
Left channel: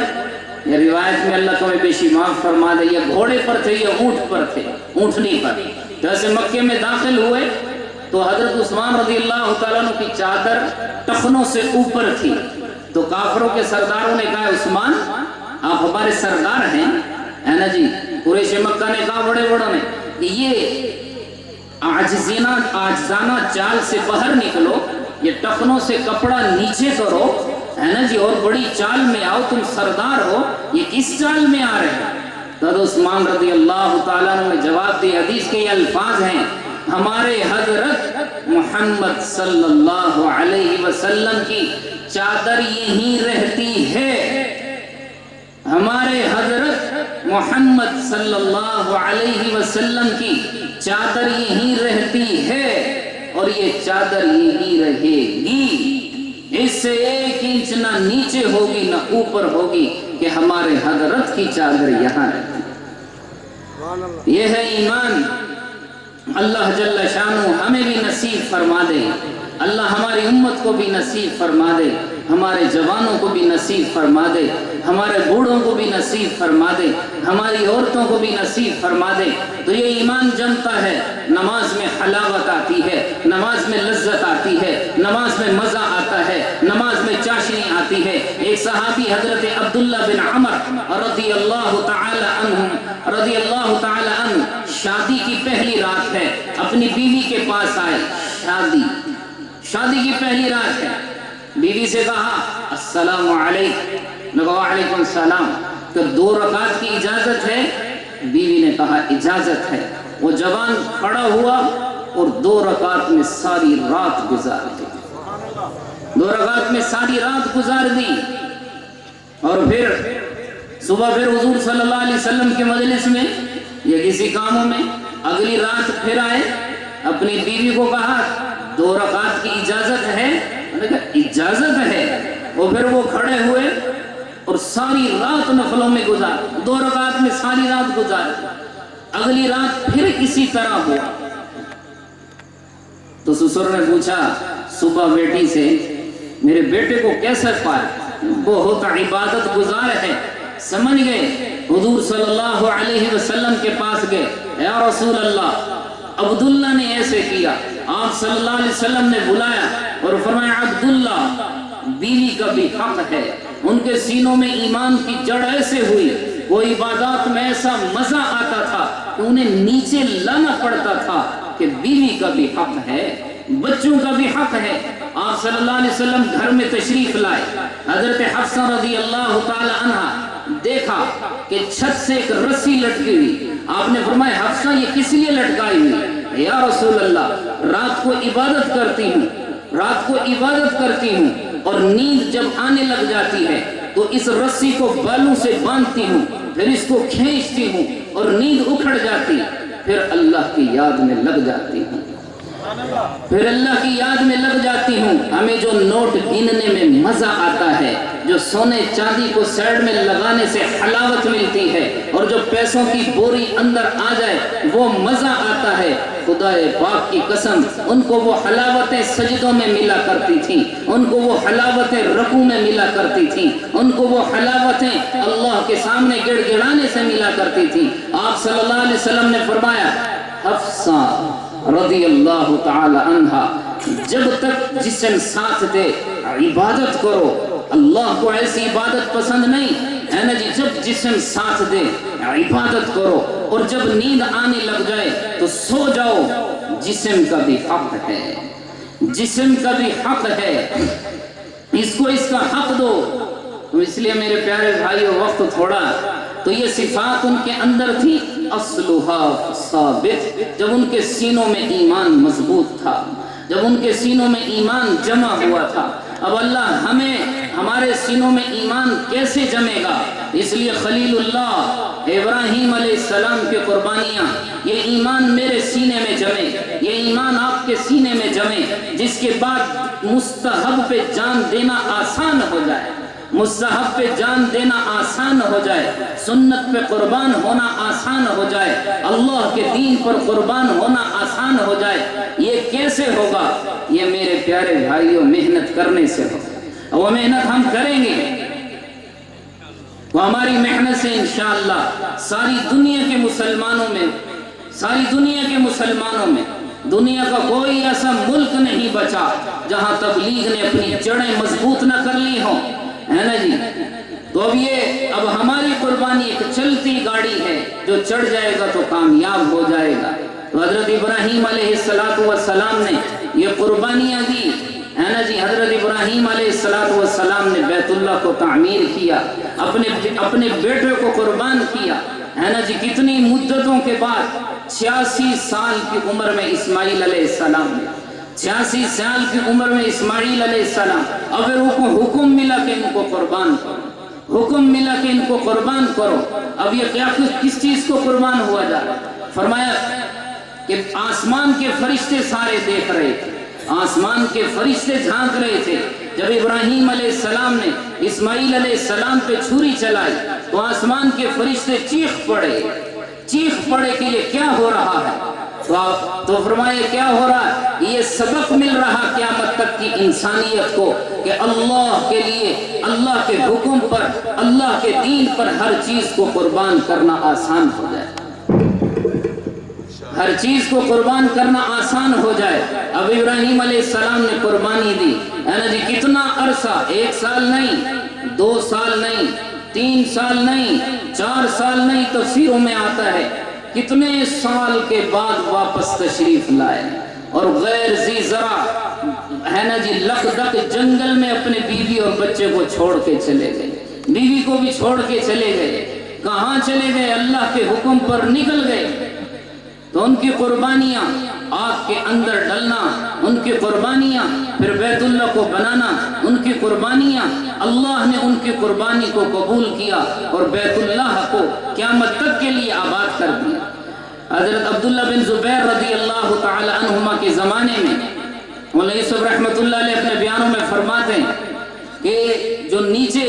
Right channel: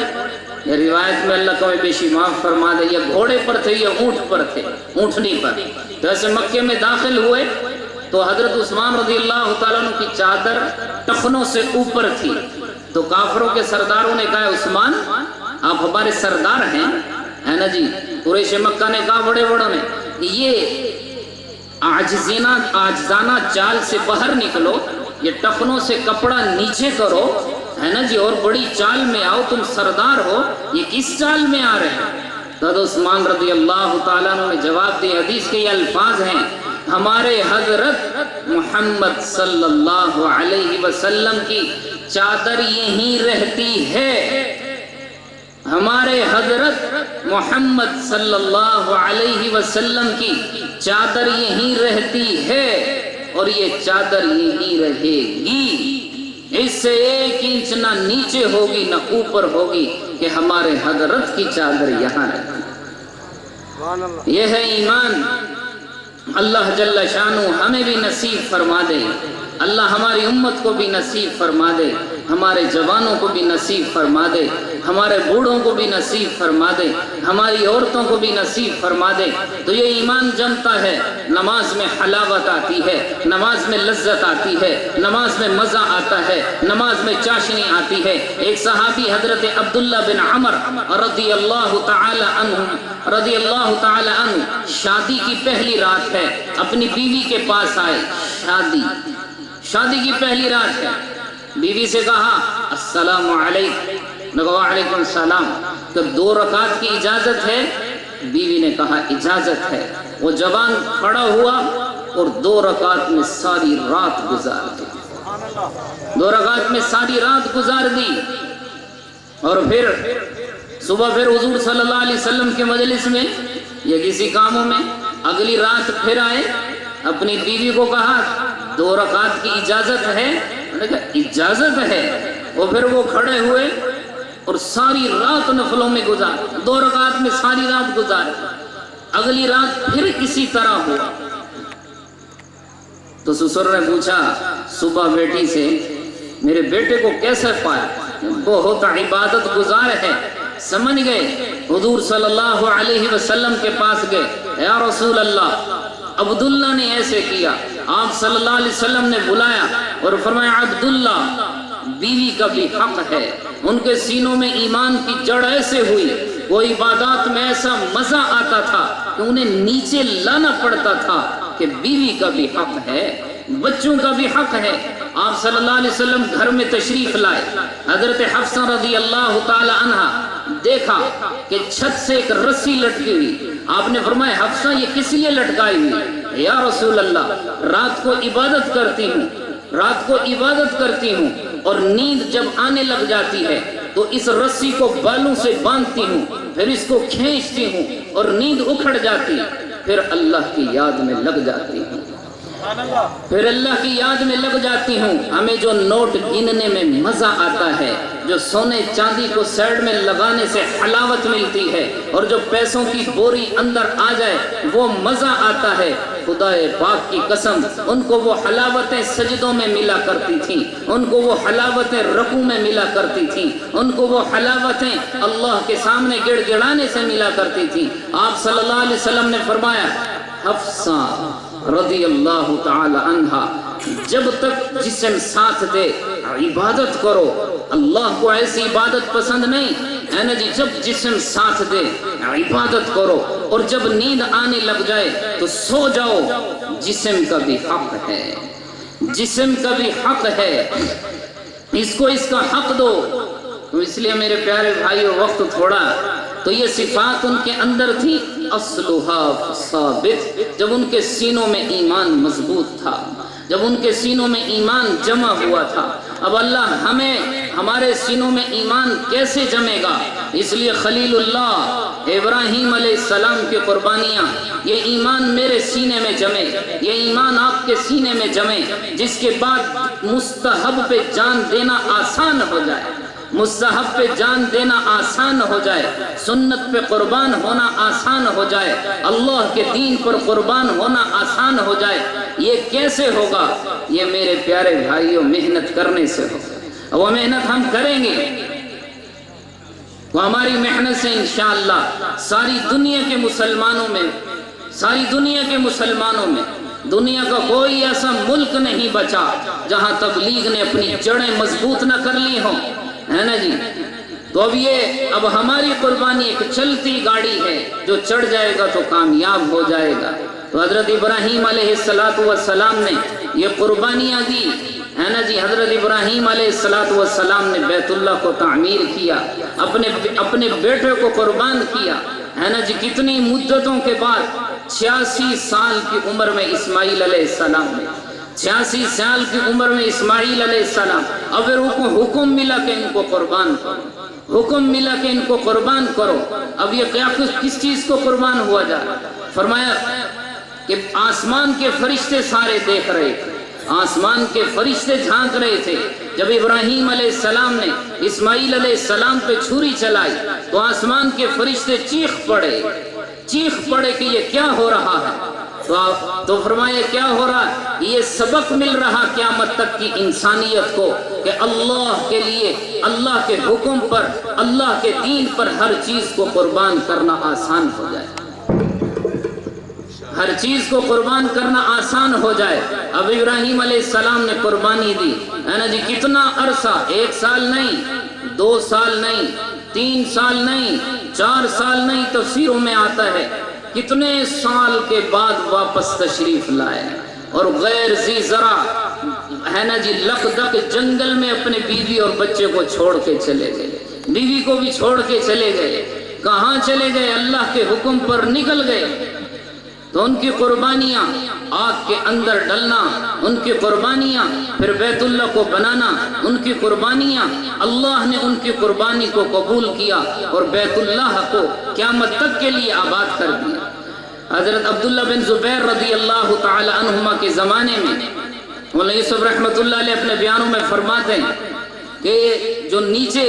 یہ روایت میں اللہ کو بیشی معاف فرما دے، یہ گھوڑے پر تھے، یہ اونٹ پر تھے، اونٹنی پر۔ جیسے مکے میں داخل ہوئے تو حضرت عثمان رضی اللہ تعالیٰ عنہ کی چادر ٹخنوں سے اوپر تھی، تو کافروں کے سرداروں نے کہا عثمان آپ ہمارے سردار ہیں، ہے نا جی۔ قریش مکہ نے کہا بڑے بڑوں نے یہ آجزانہ چال سے باہر نکلو، یہ ٹخنوں سے کپڑا نیچے کرو، ہے نا جی، اور بڑی چال میں آؤ، تم سردار ہو، یہ کس چال میں آ رہے ہیں؟ حضرت عثمان رضی اللہ تعالیٰ عنہ نے جواب دی، حدیث کے یہ الفاظ ہیں ہمارے حضرت محمد صلی اللہ علیہ وسلم کی چادر یہیں رہتی ہے، ہمارے حضرت محمد صلی اللہ علیہ وسلم کی چادر یہیں رہتی ہے اور یہ چادر یہیں رہے گی، اس سے 1 انچ نہ نیچے ہوگی نہ اوپر ہوگی کہ ہمارے حضرت کی چادر یہاں رہتی ہے۔ یہ ہے ایمان۔ اللہ جل شانہ ہمیں بھی نصیب فرما دے، اللہ ہماری امت کو بھی نصیب فرما دے، ہمارے جوانوں کو بھی نصیب فرما دے، ہمارے بوڑھوں کو بھی نصیب فرما دے، ہماری عورتوں کو بھی نصیب فرما دے۔ تو یہ ایمان جمتا ہے، نماز میں حلاوت آتی ہے، نماز میں لذت آتی ہے، نماز میں مزہ آتا ہے، نماز میں چاشنی آتی ہے۔ ایک صحابی حضرت عبداللہ بن عمر رضی اللہ تعالی عنہ شادی کی پہلی رات ہے، اپنی بیوی کے پاس آئے، شادی کی پہلی رات ہے، بیوی سے کہا السلام علیکم، وعلیکم السلام، کہ 2 رکعت کی اجازت ہے؟ بیوی نے کہا اجازت ہے۔ وہ جوان کھڑا ہوا اور 2 رکعت میں ساری رات گزار دی، 2 رکعت میں ساری رات گزار دی، اور پھر صبح پھر حضور صلی اللہ علیہ وسلم کے مجلس میں یا کسی کاموں میں اگلی رات پھر آئے، اپنی بیوی کو کہا 2 رکعت کی اجازت ہے؟ انہوں نے کہا اجازت ہے۔ اور پھر وہ کھڑے ہوئے اور ساری رات نفلوں میں گزار، 2 رکعت میں ساری رات گزار۔ اگلی رات پھر اسی طرح ہوا تو سسر نے پوچھا صبح بیٹی سے میرے بیٹے کو کیسے پائے، بہت عبادت گزار ہے۔ سمجھ گئے، حضور صلی اللہ علیہ وسلم کے پاس گئے، یا رسول اللہ عبداللہ نے ایسے کیا۔ آپ صلی اللہ علیہ وسلم نے بلایا اور فرمایا عبداللہ بیوی کا بھی حق ہے، ان کے سینوں میں ایمان کی جڑ ایسے ہوئی وہ عبادات میں ایسا مزہ آتا تھا کہ انہیں نیچے لانا پڑتا تھا کہ بیوی کا بھی حق ہے، بچوں کا بھی حق ہے۔ آپ صلی اللہ علیہ وسلم گھر میں تشریف لائے، حضرت حفصہ رضی اللہ تعالی عنہا دیکھا کہ چھت سے ایک رسی لٹکی ہوئی۔ آپ نے فرمایا حفصہ یہ کس لیے لٹکائی ہوئی؟ یا رسول اللہ رات کو عبادت کرتی ہوں، رات کو عبادت کرتی ہوں اور نیند جب آنے لگ جاتی ہے تو اس رسی کو بالوں سے باندھتی ہوں، پھر اس کو کھینچتی ہوں اور نیند اکھڑ جاتی، پھر اللہ کی یاد میں لگ جاتی ہوں، پھر اللہ کی یاد میں لگ جاتی ہوں۔ ہمیں جو نوٹ گننے میں مزہ آتا ہے، جو سونے چاندی کو سائڈ میں لگانے سے حلاوت ملتی ہے، اور جو پیسوں کی بوری اندر آ جائے وہ مزہ آتا ہے، خدا پاک کی قسم ان کو وہ حلاوتیں سجدوں میں ملا کرتی تھیں، ان کو وہ حلاوتیں رکوع میں ملا کرتی تھیں، ان کو وہ حلاوتیں اللہ کے سامنے گڑ گڑانے سے ملا کرتی تھیں۔ آپ صلی اللہ علیہ وسلم نے فرمایا حفصہ رضی اللہ تعالی عنہا جب تک جسم ساتھ دے عبادت کرو، اللہ کو ایسی عبادت پسند نہیں ہے نا جی، جب جسم ساتھ دے عبادت کرو اور جب نیند آنے لگ جائے تو سو جاؤ، جسم کا بھی حق ہے، جسم کا بھی حق ہے، اس کو اس کا حق دو۔ اس لیے میرے پیارے بھائیو وقت تھوڑا، تو یہ صفات ان کے اندر تھی، اصلها ثابت، جب ان کے سینوں میں ایمان مضبوط تھا، جب ان کے سینوں میں ایمان جمع ہوا تھا۔ اب اللہ ہمیں ہمارے سینوں میں ایمان کیسے جمے گا؟ اس لیے خلیل اللہ ابراہیم علیہ السلام کی قربانیاں، یہ ایمان میرے سینے میں جمے، یہ ایمان آپ کے سینے میں جمے، جس کے بعد مستحب پہ جان دینا آسان ہو جائے، مستحب پہ جان دینا آسان ہو جائے، سنت پہ قربان ہونا آسان ہو جائے، اللہ کے دین پر قربان ہونا آسان ہو جائے۔ یہ کیسے ہوگا؟ یہ میرے پیارے بھائیوں محنت کرنے سے ہوگا، وہ محنت ہم کریں گے، وہ ہماری محنت سے انشاءاللہ ساری دنیا کے مسلمانوں میں، ساری دنیا کے مسلمانوں میں، دنیا کا کوئی ایسا ملک نہیں بچا جہاں تبلیغ نے اپنی جڑیں مضبوط نہ کر لی ہوں، ہے نا جی۔ تو اب ہماری قربانی ایک چلتی گاڑی ہے، جو چڑھ جائے گا تو کامیاب ہو جائے گا۔ تو حضرت ابراہیم علیہ السلام نے یہ قربانیاں دی، ہے نا جی۔ حضرت ابراہیم علیہ السلام نے بیت اللہ کو تعمیر کیا، اپنے بیٹے کو قربان کیا، ہے نا جی۔ کتنی مدتوں کے بعد 86 سال کی عمر میں اسماعیل علیہ السلام نے، 86 سال کی عمر میں اسماعیل علیہ السلام، اب حکم ملا کہ ان کو قربان کرو، حکم ملا کہ ان کو قربان کرو۔ اب یہ کیا کس چیز کو قربان ہوا جائے؟ فرمایا کہ آسمان کے فرشتے سارے دیکھ رہے تھے، آسمان کے فرشتے جھانک رہے تھے۔ جب ابراہیم علیہ السلام نے اسماعیل علیہ السلام پہ چھری چلائی تو آسمان کے فرشتے چیخ پڑے کہ یہ کیا ہو رہا ہے؟ تو فرمایا کیا ہو رہا ہے؟ یہ سبق مل رہا قیامت تک کی انسانیت کو کہ اللہ کے لیے، اللہ کے حکم پر، اللہ کے دین پر ہر چیز کو قربان کرنا آسان ہو جائے، ہر چیز کو قربان کرنا آسان ہو جائے۔ اب ابراہیم علیہ السلام نے قربانی دی، ہے نا جی۔ کتنا عرصہ؟ 1 سال نہیں، 2 سال نہیں، 3 سال نہیں، 4 سال نہیں، تفسیروں میں آتا ہے کتنے سال کے بعد واپس تشریف لائے، اور غیر ذی زرع، ہے نا جی، لقدق جنگل میں اپنے بیوی اور بچے کو چھوڑ کے چلے گئے، بیوی کو بھی چھوڑ کے چلے گئے۔ کہاں چلے گئے؟ اللہ کے حکم پر نکل گئے۔ تو ان کی قربانیاں آگ کے اندر ڈلنا، ان کی قربانیاں پھر بیت اللہ کو بنانا، ان کی قربانیاں، اللہ نے ان کی قربانی کو قبول کیا اور بیت اللہ کو قیامت تک کے لیے آباد کر دیا۔ حضرت عبداللہ بن زبیر رضی اللہ تعالی عنہما کے زمانے میں مولانا یوسف رحمۃ اللہ علیہ اپنے بیانوں میں فرماتے ہیں کہ جو نیچے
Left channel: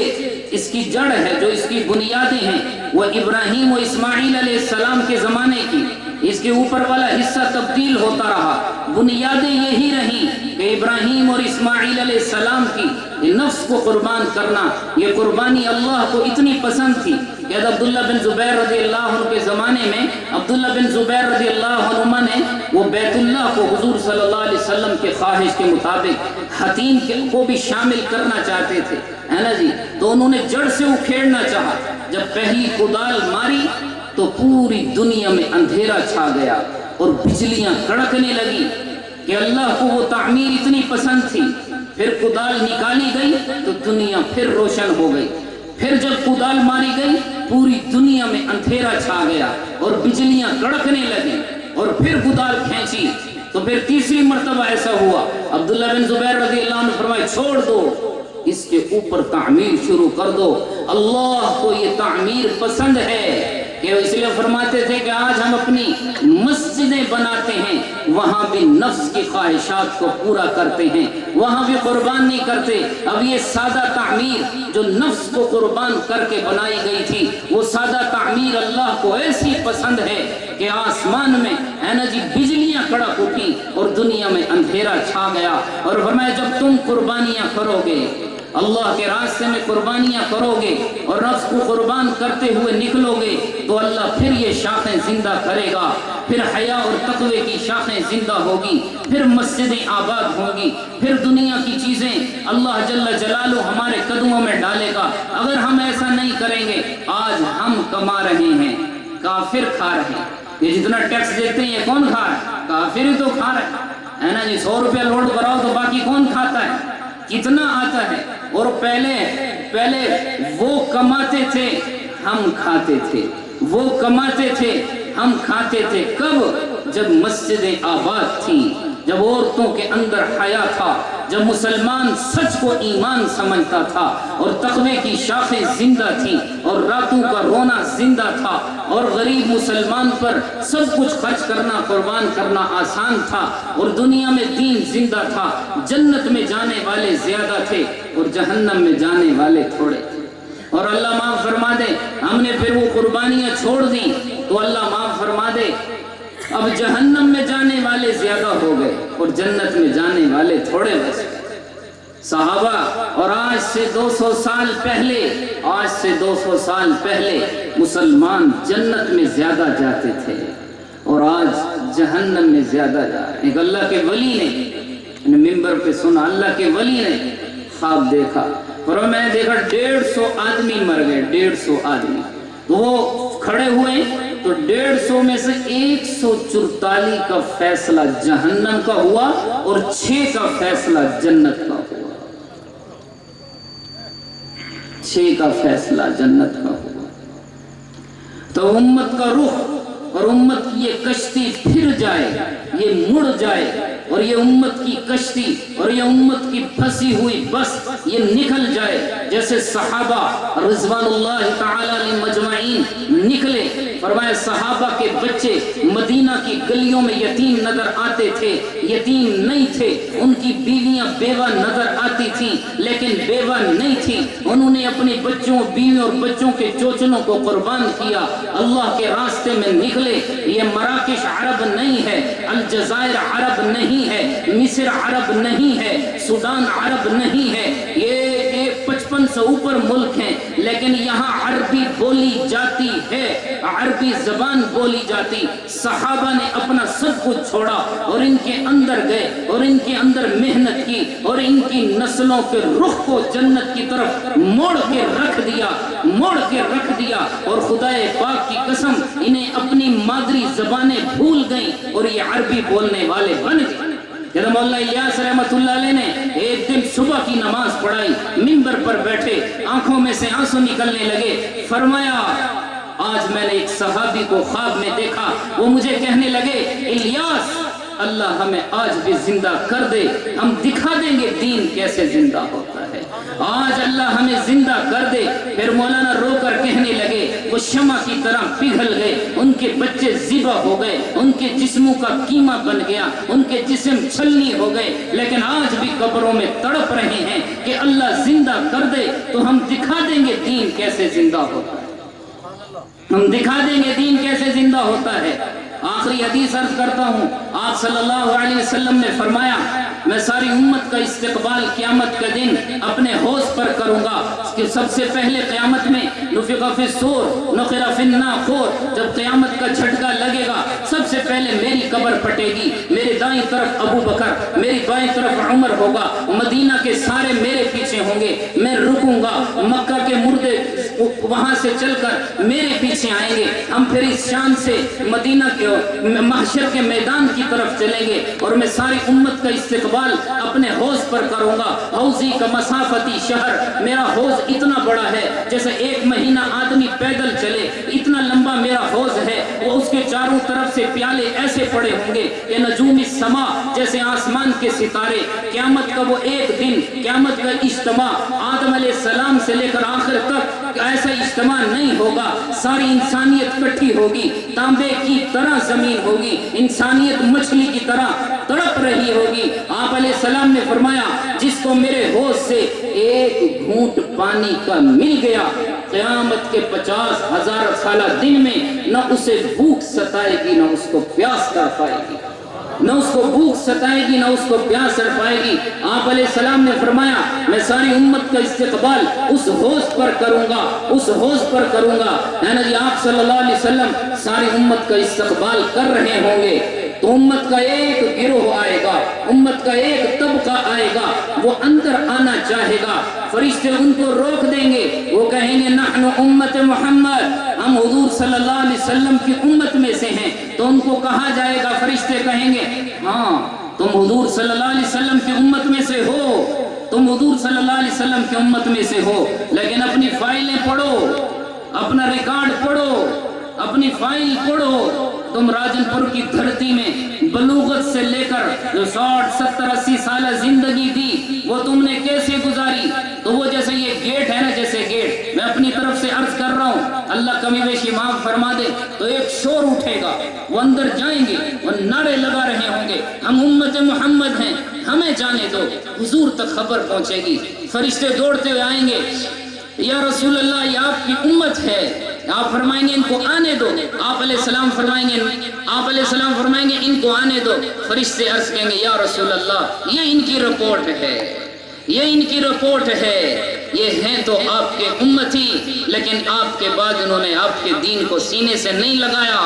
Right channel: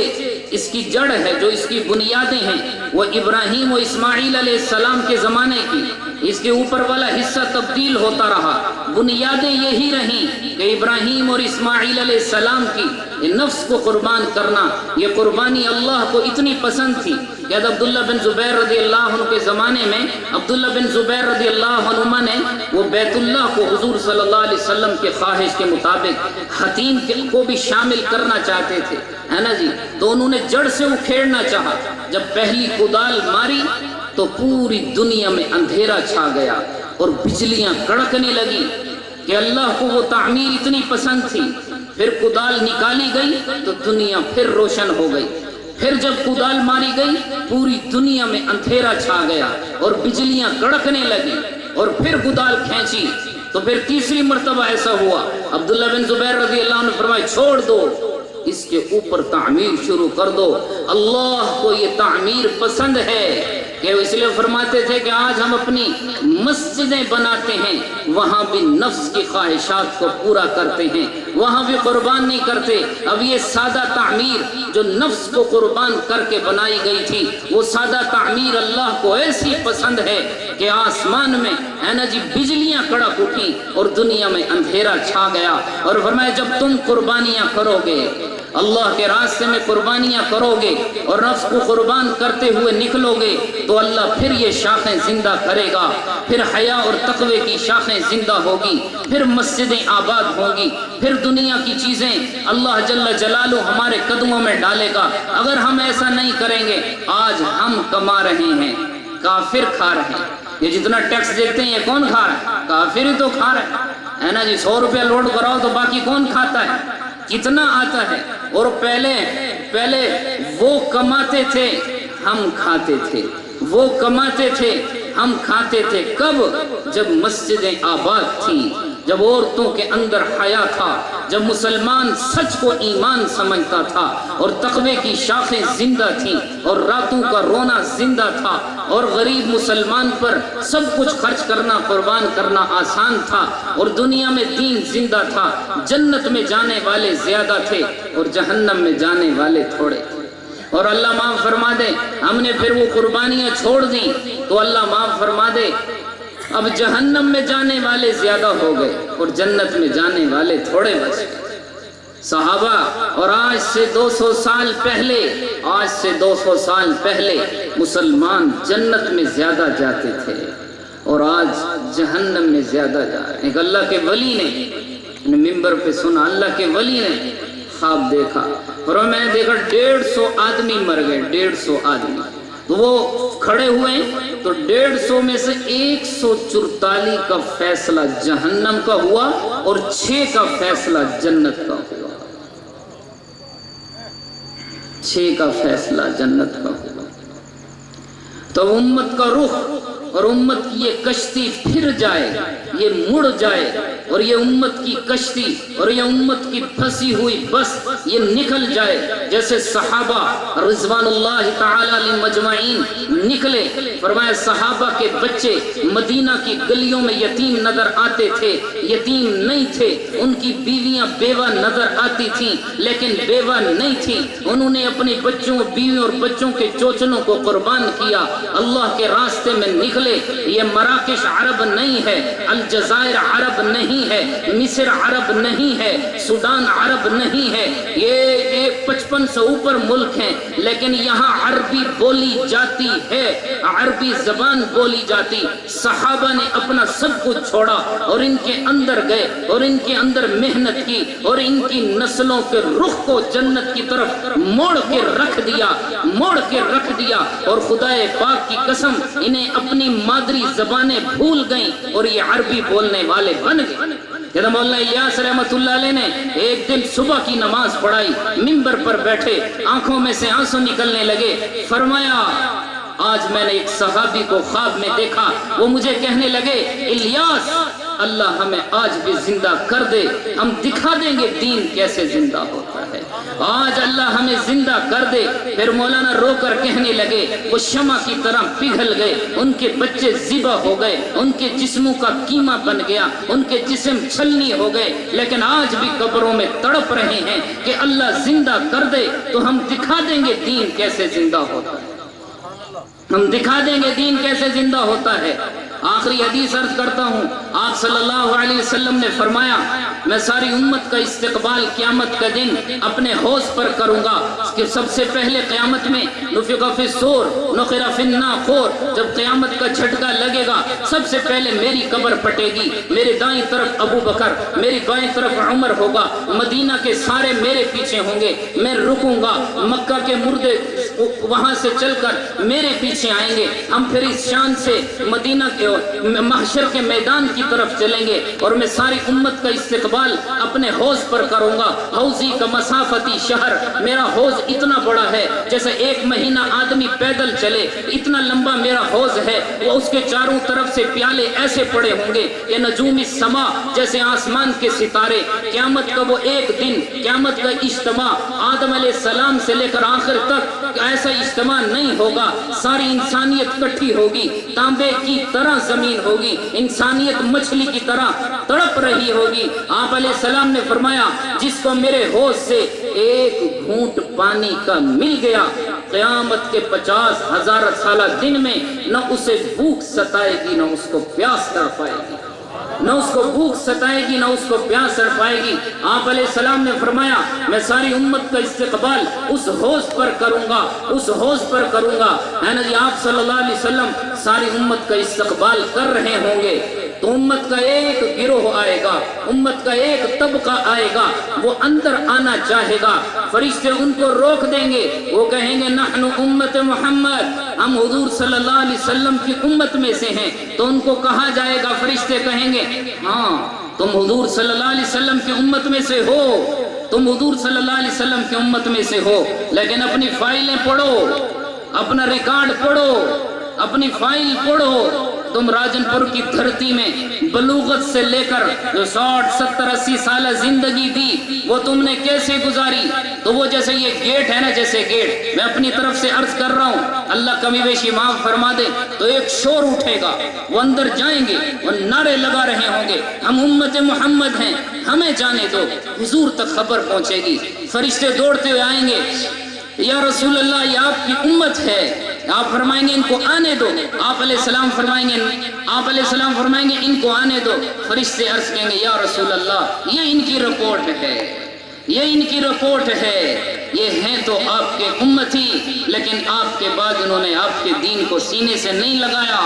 اس کی جڑ ہے، جو اس کی بنیادیں ہیں، وہ ابراہیم و اسماعیل علیہ السلام کے زمانے کی، اس کے اوپر والا حصہ تبدیل ہوتا رہا، بنیادیں یہی رہیں کہ ابراہیم اور اسماعیل علیہ السلام کی نفس کو قربان کرنا، یہ قربانی اللہ کو اتنی پسند تھی کہ عبداللہ بن زبیر رضی اللہ عنہ کے زمانے میں عبداللہ بن زبیر رضی اللہ عنہ نے وہ بیت اللہ کو حضور صلی اللہ علیہ وسلم کے خواہش کے مطابق حتیم کو بھی شامل کرنا چاہتے تھے، ہے نا جی۔ تو انہوں نے جڑ سے اکھیڑنا چاہا، جب پہلی کدال ماری تو پوری دنیا میں اندھیرا چھا گیا اور بجلیاں کڑکنے لگی کہ اللہ کو وہ تعمیر اتنی پسند تھی۔ پھر کدال نکالی گئی تو دنیا پھر روشن ہو گئی۔ پھر جب کدال ماری گئی پوری دنیا میں اندھیرا چھا گیا اور بجلیاں کڑکنے لگی، اور پھر کدال کھینچی تو پھر تیسری مرتبہ ایسا ہوا۔ عبداللہ بن زبیر رضی اللہ عنہ فرمائے چھوڑ دو، اس کے اوپر تعمیر شروع کر دو، اللہ کو یہ تعمیر پسند ہے۔ کہ اس لیے فرماتے تھے کہ آج ہم اپنی مسجدیں بناتے ہیں، وہاں بھی نفس کی خواہشات کو پورا کرتے ہیں، وہاں بھی قربان نہیں کرتے۔ اب یہ سادہ تعمیر جو نفس کو قربان کر کے بنائی گئی تھی، وہ سادہ تعمیر اللہ کو ایسی پسند ہے کہ آسمان میں ہے نا جی بجلیاں کڑک اٹھی اور دنیا میں اندھیرا چھا گیا۔ اور فرمایا جب تم قربانیاں کرو گے، اللہ کے راستے میں قربانیاں کرو گے اور نفس کو قربان کرتے ہوئے نکلو گے تو اللہ پھر یہ شاخیں زندہ کرے گا، پھر حیا اور تقوی کی شاخیں زندہ ہوگی، پھر مسجدیں آباد ہوں گی، پھر دنیا کی چیزیں اللہ جل جلالہ ہمارے قدموں میں ڈالے گا۔ اگر ہم ایسا نہیں کریں گے، آج ہم کما رہے ہیں، کافر کھا رہے ہیں۔ یہ جتنا ٹیکس دیتے ہیں یہ کون کھا رہا ہے؟ کافر ہی تو کھا رہا ہے نا جی۔ 100 روپیہ لوڈ کراؤ تو باقی کون کھاتا ہے؟ کتنا آتا ہے؟ اور پہلے وہ کماتے تھے ہم کھاتے تھے، وہ کماتے تھے ہم کھاتے تھے۔ کب؟ جب مسجدیں آباد تھیں، جب عورتوں کے اندر حیا تھا، جب مسلمان سچ کو ایمان سمجھتا تھا اور تقوی کی شاخیں زندہ تھیں اور راتوں کا رونا زندہ تھا اور غریب مسلمان پر سب کچھ خرچ کرنا، قربان کرنا آسان تھا اور دنیا میں دین زندہ تھا۔ جنت میں جانے والے زیادہ تھے اور جہنم میں جانے والے تھوڑے تھے۔ اور اللہ معاف فرما دے، ہم نے پھر وہ قربانیاں چھوڑ دی تو اللہ معاف فرما دے اب جہنم میں جانے والے زیادہ ہو گئے اور جنت میں جانے والے تھوڑے بچ گئے۔ صحابہ اور آج سے 200 سال پہلے مسلمان جنت میں زیادہ جاتے تھے اور آج جہنم میں زیادہ جا رہے ہیں۔ ایک اللہ کے ولی نے ممبر پہ سنا، اللہ کے ولی نے خواب دیکھا اور میں نے دیکھا 150 آدمی مر گئے، 150 آدمی۔ تو وہ کھڑے ہوئے تو 150 میں سے 144 کا فیصلہ جہنم کا ہوا اور 6 کا فیصلہ جنت کا ہوا۔ 6 کا فیصلہ جنت کا ہوا۔ تو امت کا رخ اور امت کی یہ کشتی پھر جائے، یہ مڑ جائے اور یہ امت کی کشتی اور یہ امت کی پھنسی ہوئی بس یہ نکل جائے، جیسے صحابہ رضوان اللہ تعالی علیہ مجمعین نکلے۔ فرمایا صحابہ کے بچے مدینہ کی گلیوں میں یتیم نظر آتے تھے، یتیم نہیں تھے، ان کی بیویاں بیوہ نظر آتی تھیں لیکن بیوہ نہیں تھیں۔ انہوں نے اپنے بچوں، بیویوں اور بچوں کے چوچلوں کو قربان کیا، اللہ کے راستے میں نکلے۔ یہ مراکش عرب نہیں ہے، الجزائر عرب نہیں ہے، مصر عرب نہیں ہے، سودان عرب نہیں ہے، یہ 55 سے اوپر ملک ہیں لیکن یہاں عربی بولی جاتی ہے، عربی زبان بولی جاتی۔ صحابہ نے اپنا سب کچھ چھوڑا اور ان کے اندر گئے اور ان کے اندر محنت کی اور ان کی نسلوں کے رخ کو جنت کی طرف موڑ کے رکھ دیا اور خدا پاک کی قسم انہیں اپنی مادری زبانیں بھول گئیں اور یہ عربی بولنے والے بن گئے۔ جب مولانا الیاس رحمت اللہ علیہ نے ایک دن صبح کی نماز پڑھائی، منبر پر بیٹھے، آنکھوں میں سے آنسو نکلنے لگے، فرمایا آج میں نے ایک صحابی کو خواب میں دیکھا، وہ مجھے کہنے لگے الیاس اللہ ہمیں آج بھی زندہ کر دے، ہم دکھا دیں گے دین کیسے زندہ ہوتا ہے، آج اللہ ہمیں زندہ کر دے۔ پھر مولانا رو کر کہنے لگے وہ شمع کی طرح پگھل گئے، ان کے بچے ذبح ہو گئے، ان کے جسموں کا قیمہ بن گیا، ان کے جسم چھلنی ہو گئے، لیکن آج بھی قبروں میں تڑپ رہے ہیں کہ اللہ زندہ کر دے تو ہم دکھا دیں گے دین کیسے زندہ ہوتا ہے، ہم دکھا دیں گے دین کیسے زندہ ہوتا ہے۔ آخری حدیث عرض کرتا ہوں، آپ صلی اللہ علیہ وسلم نے فرمایا میں ساری امت کا استقبال قیامت کا دن اپنے حوض پر کروں گا کہ سب سے پہلے قیامت میں نفخ فی الصور نخر فی الناقور، جب قیامت کا جھٹکا لگے گا سب سے پہلے میری قبر پٹے گی، میرے دائیں طرف ابو بکر، میری بائیں طرف عمر ہوگا، مدینہ کے سارے میرے پیچھے ہوں گے، میں رکوں گا، مکہ کے مردے وہاں سے چل کر میرے پیچھے آئیں گے، ہم پھر اس شان سے مدینہ کے محشر کے میدان کی طرف چلیں گے اور میں ساری امت کا استقبال اپنے حوض پر کروں گا۔ حوضی کا مسافتی شہر، میرا حوض اتنا بڑا ہے جیسے 1 مہینہ آدمی پیدل چلے، اتنا لمبا میرا حوض ہے، وہ اس کے چاروں طرف سے پیالے ایسے پڑے ہوں گے کہ نجوم السما، جیسے آسمان کے ستارے۔ قیامت کا وہ ایک دن، قیامت کا اجتماع آدم علیہ السلام سے لے کر آخر تک ایسا اجتماع نہیں ہوگا، ساری انسانیت کٹھی ہوگی، تانبے کی طرح زمین ہوگی، انسانیت مچھلی کی طرح تڑپ رہی ہوگی۔ آپ علیہ السلام نے فرمایا جس کو میرے حوض سے ایک گھونٹ پانی کا مل گیا، قیامت کے 50,000 سالہ دن میں نہ اسے بھوک ستائے گی نہ اس کو پیاس تڑ پائے گی، نہ اس کو بھوک ستائے گی نہ اس کو پیاس تڑ پائے گی۔ آپ علیہ السلام نے فرمایا میں ساری امت کا استقبال اس حوض پر کروں گا، اس حوض پر کروں گا۔ ہے نا جی، آپ صلی اللہ علیہ وسلم ساری امت کا استقبال کر رہے ہوں گے تو امت کا ایک گروہ آئے گا، امت کا ایک طبقہ آئے گا، وہ اندر آنا چاہے گا، فرشتے ان کو روک دیں گے، وہ کہیں گے نحن امت محمد، ہم حضور صلی اللہ علیہ وسلم کی امت میں سے ہیں۔ تو ان کو کہا جائے گا، فرشتے کہیں گے ہاں تم حضور صلی اللہ علیہ وسلم کی امت میں سے ہو، تم حضور صلی اللہ علیہ وسلم کی امت میں سے ہو، لیکن اپنی فائلیں پڑھو، اپنا ریکارڈ پڑھو، اپنی فائل پڑھو۔ تم راجن پور کی دھرتی میں بلوغت سے لے کر جو 60 70 80 سالہ زندگی دی وہ تم نے کیسے گزاری؟ تو وہ جیسے یہ گیٹ ہے نا، جیسے گیٹ میں اپنی طرف سے عرض کر رہا ہوں، اللہ کمی بیشی معاف فرما دے، تو ایک شور اٹھے گا، وہ اندر جائیں گے، وہ نعرے لگا رہے ہوں گے ہم امت محمد ہیں، ہمیں جانے دو۔ حضور تک خبر پہنچے گی، فرشتے دوڑتے ہوئے آئیں گے، یا رسول اللہ یہ آپ کی امت ہے، آپ فرمائیں گے ان کو آنے دو، آپ علیہ السلام فرمائیں گے ان کو آنے دو، فرشتے عرض کہیں گے یا رسول اللہ یہ ان کی رپورٹ ہے، یہ ان کی رپورٹ ہے، یہ ہیں تو آپ کے امتی، لیکن آپ کے بعد انہوں نے آپ کے دین کو سینے سے نہیں لگایا،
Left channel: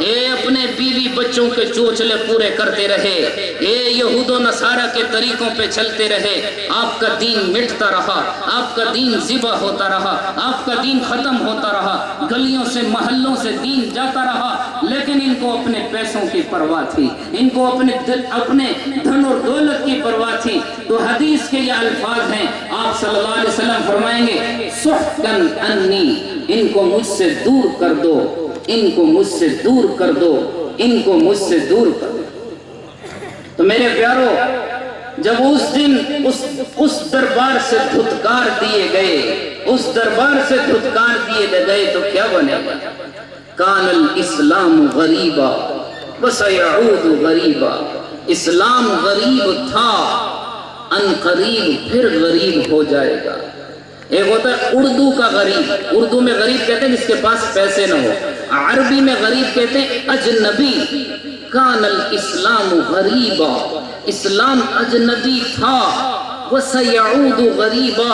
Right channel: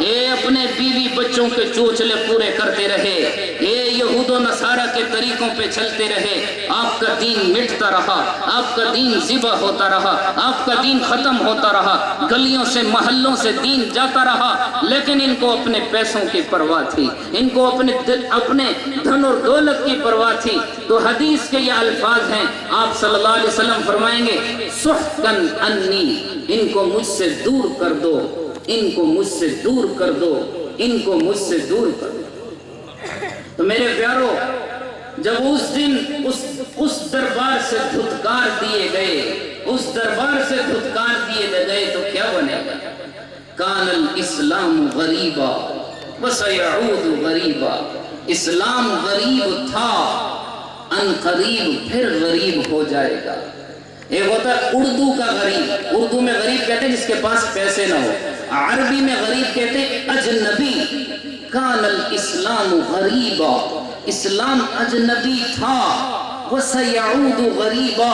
اے اپنے بیوی بچوں کے چوچلے پورے کرتے رہے، اے یہود و نصارہ کے طریقوں پہ چلتے رہے، آپ کا دین مٹتا رہا، آپ کا دین ذبح ہوتا رہا، آپ کا دین ختم ہوتا رہا، گلیوں سے محلوں سے دین جاتا رہا، لیکن ان کو اپنے پیسوں کی پرواہ تھی، ان کو اپنے دھن اور دولت کی پرواہ تھی۔ تو حدیث کے یہ الفاظ ہیں، آپ صلی اللہ علیہ وسلم فرمائیں گے سحقاً انی، ان کو مجھ سے دور کر دو، ان کو مجھ سے دور کر دو، ان کو مجھ سے دور کر دو۔ تو میرے پیارو، جب اس دن اس دربار سے دھتکار دیے گئے، اس دربار سے دھتکار دیے گئے تو کیا بنے گا؟ کان الاسلام غریبا وسیعود غریبا، اسلام غریب تھا، ان قریب پھر غریب ہو جائے گا۔ ایک ہوتا ہے اردو کا غریب، اردو میں غریب کہتے ہیں جس کے پاس پیسے نہ ہو، عربی میں غریب کہتے ہیں اجنبی۔ کان الاسلام غریبا، اسلام اجنبی تھا، وسیعود غریبا،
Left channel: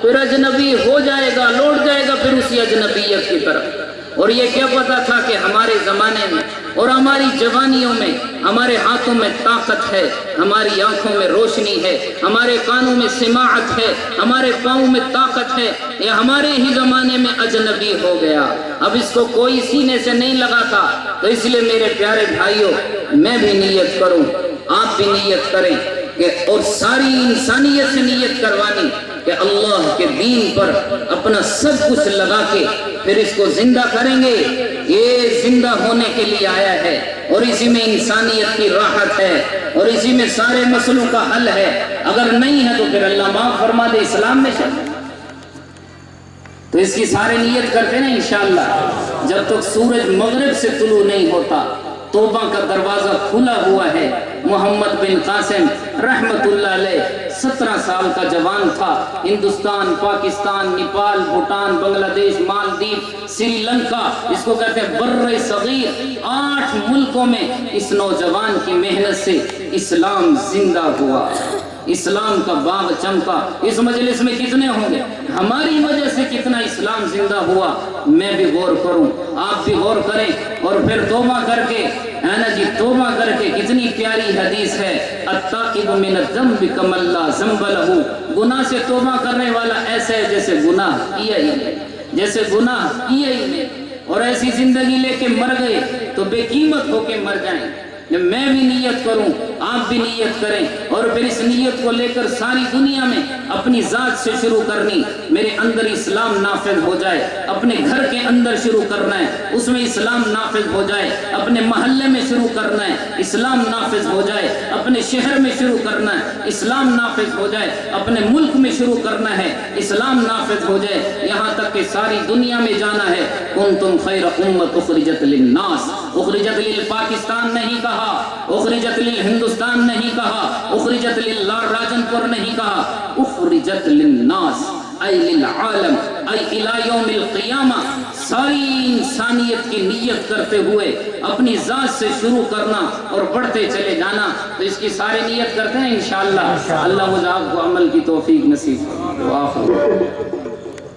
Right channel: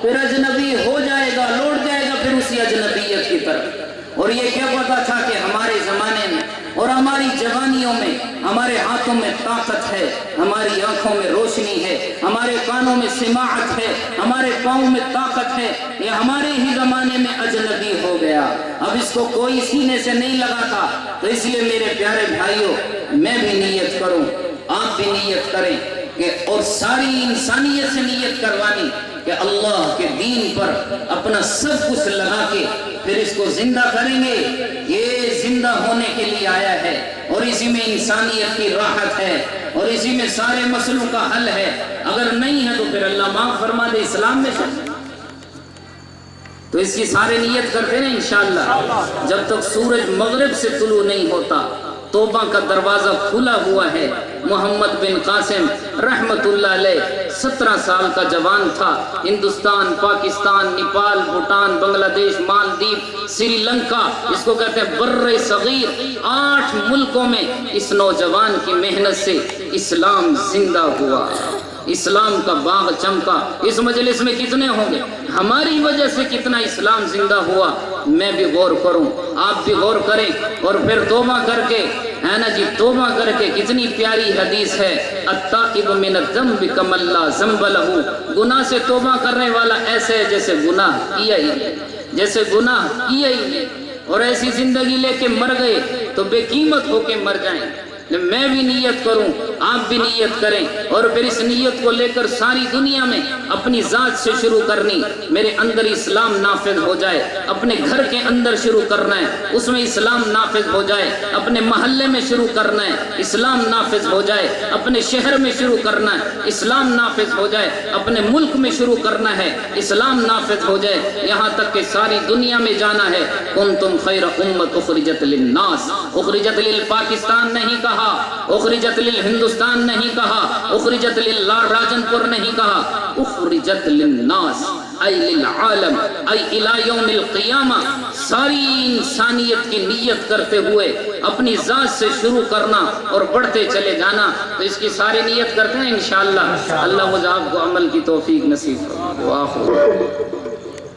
پھر اجنبی ہو جائے گا، لوٹ جائے گا پھر اسی اجنبیت کی طرف۔ اور یہ کیا پتا تھا کہ ہمارے زمانے میں اور ہماری جوانیوں میں ہمارے ہاتھوں میں طاقت ہے، ہماری آنکھوں میں روشنی ہے، ہمارے کانوں میں سماعت ہے، ہمارے پاؤں میں طاقت ہے، یہ ہمارے ہی زمانے میں اجنبی ہو گیا، اب اس کو کوئی سینے سے نہیں لگاتا۔ تو اس لیے میرے پیارے بھائیوں، میں بھی نیت کروں، آپ بھی نیت کریں کہ اور ساری انسانیت سے نیت کروانی کہ اللہ کے دین پر اپنا سب کچھ لگا کے پھر اس کو زندہ کریں گے۔ یہ زندہ ہونے کے لیے آیا ہے اور اسی میں انسانیت کی راحت ہے اور اسی میں سارے مسئلوں کا حل ہے۔ اگر نہیں ہے تو پھر اللہ معاف فرما دے، اسلام میں چل۔ تو اس کی سارے نیت کرتے ہیں انشاءاللہ، جب تک سورج مغرب سے طلوع نہیں ہوتا توبہ کا دروازہ کھلا ہوا ہے۔ محمد بن قاسم رحمت اللہ علیہ 17 سال کا جوان تھا، ہندوستان، پاکستان، نیپال، بھوٹان، بنگلہ دیش، مالدیپ، سری لنکا، اس کو کہتے ہیں بر صغیر، 8 ملکوں میں اس نوجوان کی محنت سے اسلام زندہ ہوا، اسلام کا باغ چمکا۔ اس مجلس میں کتنے ہوں گے ہماری وجہ سے کتنا اسلام زندہ ہوا، میں بھی غور کروں، آپ بھی غور کریں، اور پھر توبہ کر کے، ہے نا جی، توبہ کر کے کتنی پیاری حدیث ہے، التائب من الذنب کمن لا ذنب لہ، گناہ سے توبہ کرنے والا ایسے ہے جیسے گناہ کیا ہی نہیں، جیسے گناہ کیا ہی نہیں، اور ایسی زندگی لے کے مر گئے تو بے قیمت ہو کے مر جائیں۔ میں بھی نیت کروں، آپ بھی نیت کریں، اور پھر اس نیت کو لے کر ساری دنیا میں اپنی ذات سے شروع کرنی، میرے اندر اسلام نافذ ہو جائے، اپنے گھر کے اندر شروع کرنا ہے، اس میں اسلام نافذ ہو جائے، اپنے محلے میں شروع کرنا ہے، اسلام نافذ ہو جائے، اپنے شہر میں شروع کرنا ہے، اسلام نافذ ہو جائے، اپنے ملک میں شروع کرنا ہے، اسلام نافذ ہو جائے، یہاں تک کہ ساری دنیا میں جانا ہے۔ کنتم خیر امت اخرجت للناس، اخرجت للپاکستان نہیں کہا، اخرجت للہندوستان نہیں کہا، اخرجت للراجن پور نہیں کہا، اخرجت للناس ای للعالم ای الی یوم القیامہ، ساری انسانیت کی نیت کرتے ہوئے اپنی ذات سے شروع کرنا اور بڑھتے چلے جانا۔ تو اس کی ساری نیت کرتے ہیں انشاءاللہ، اللہ مجھے آپ کو عمل کی توفیق نصیب فرمائے۔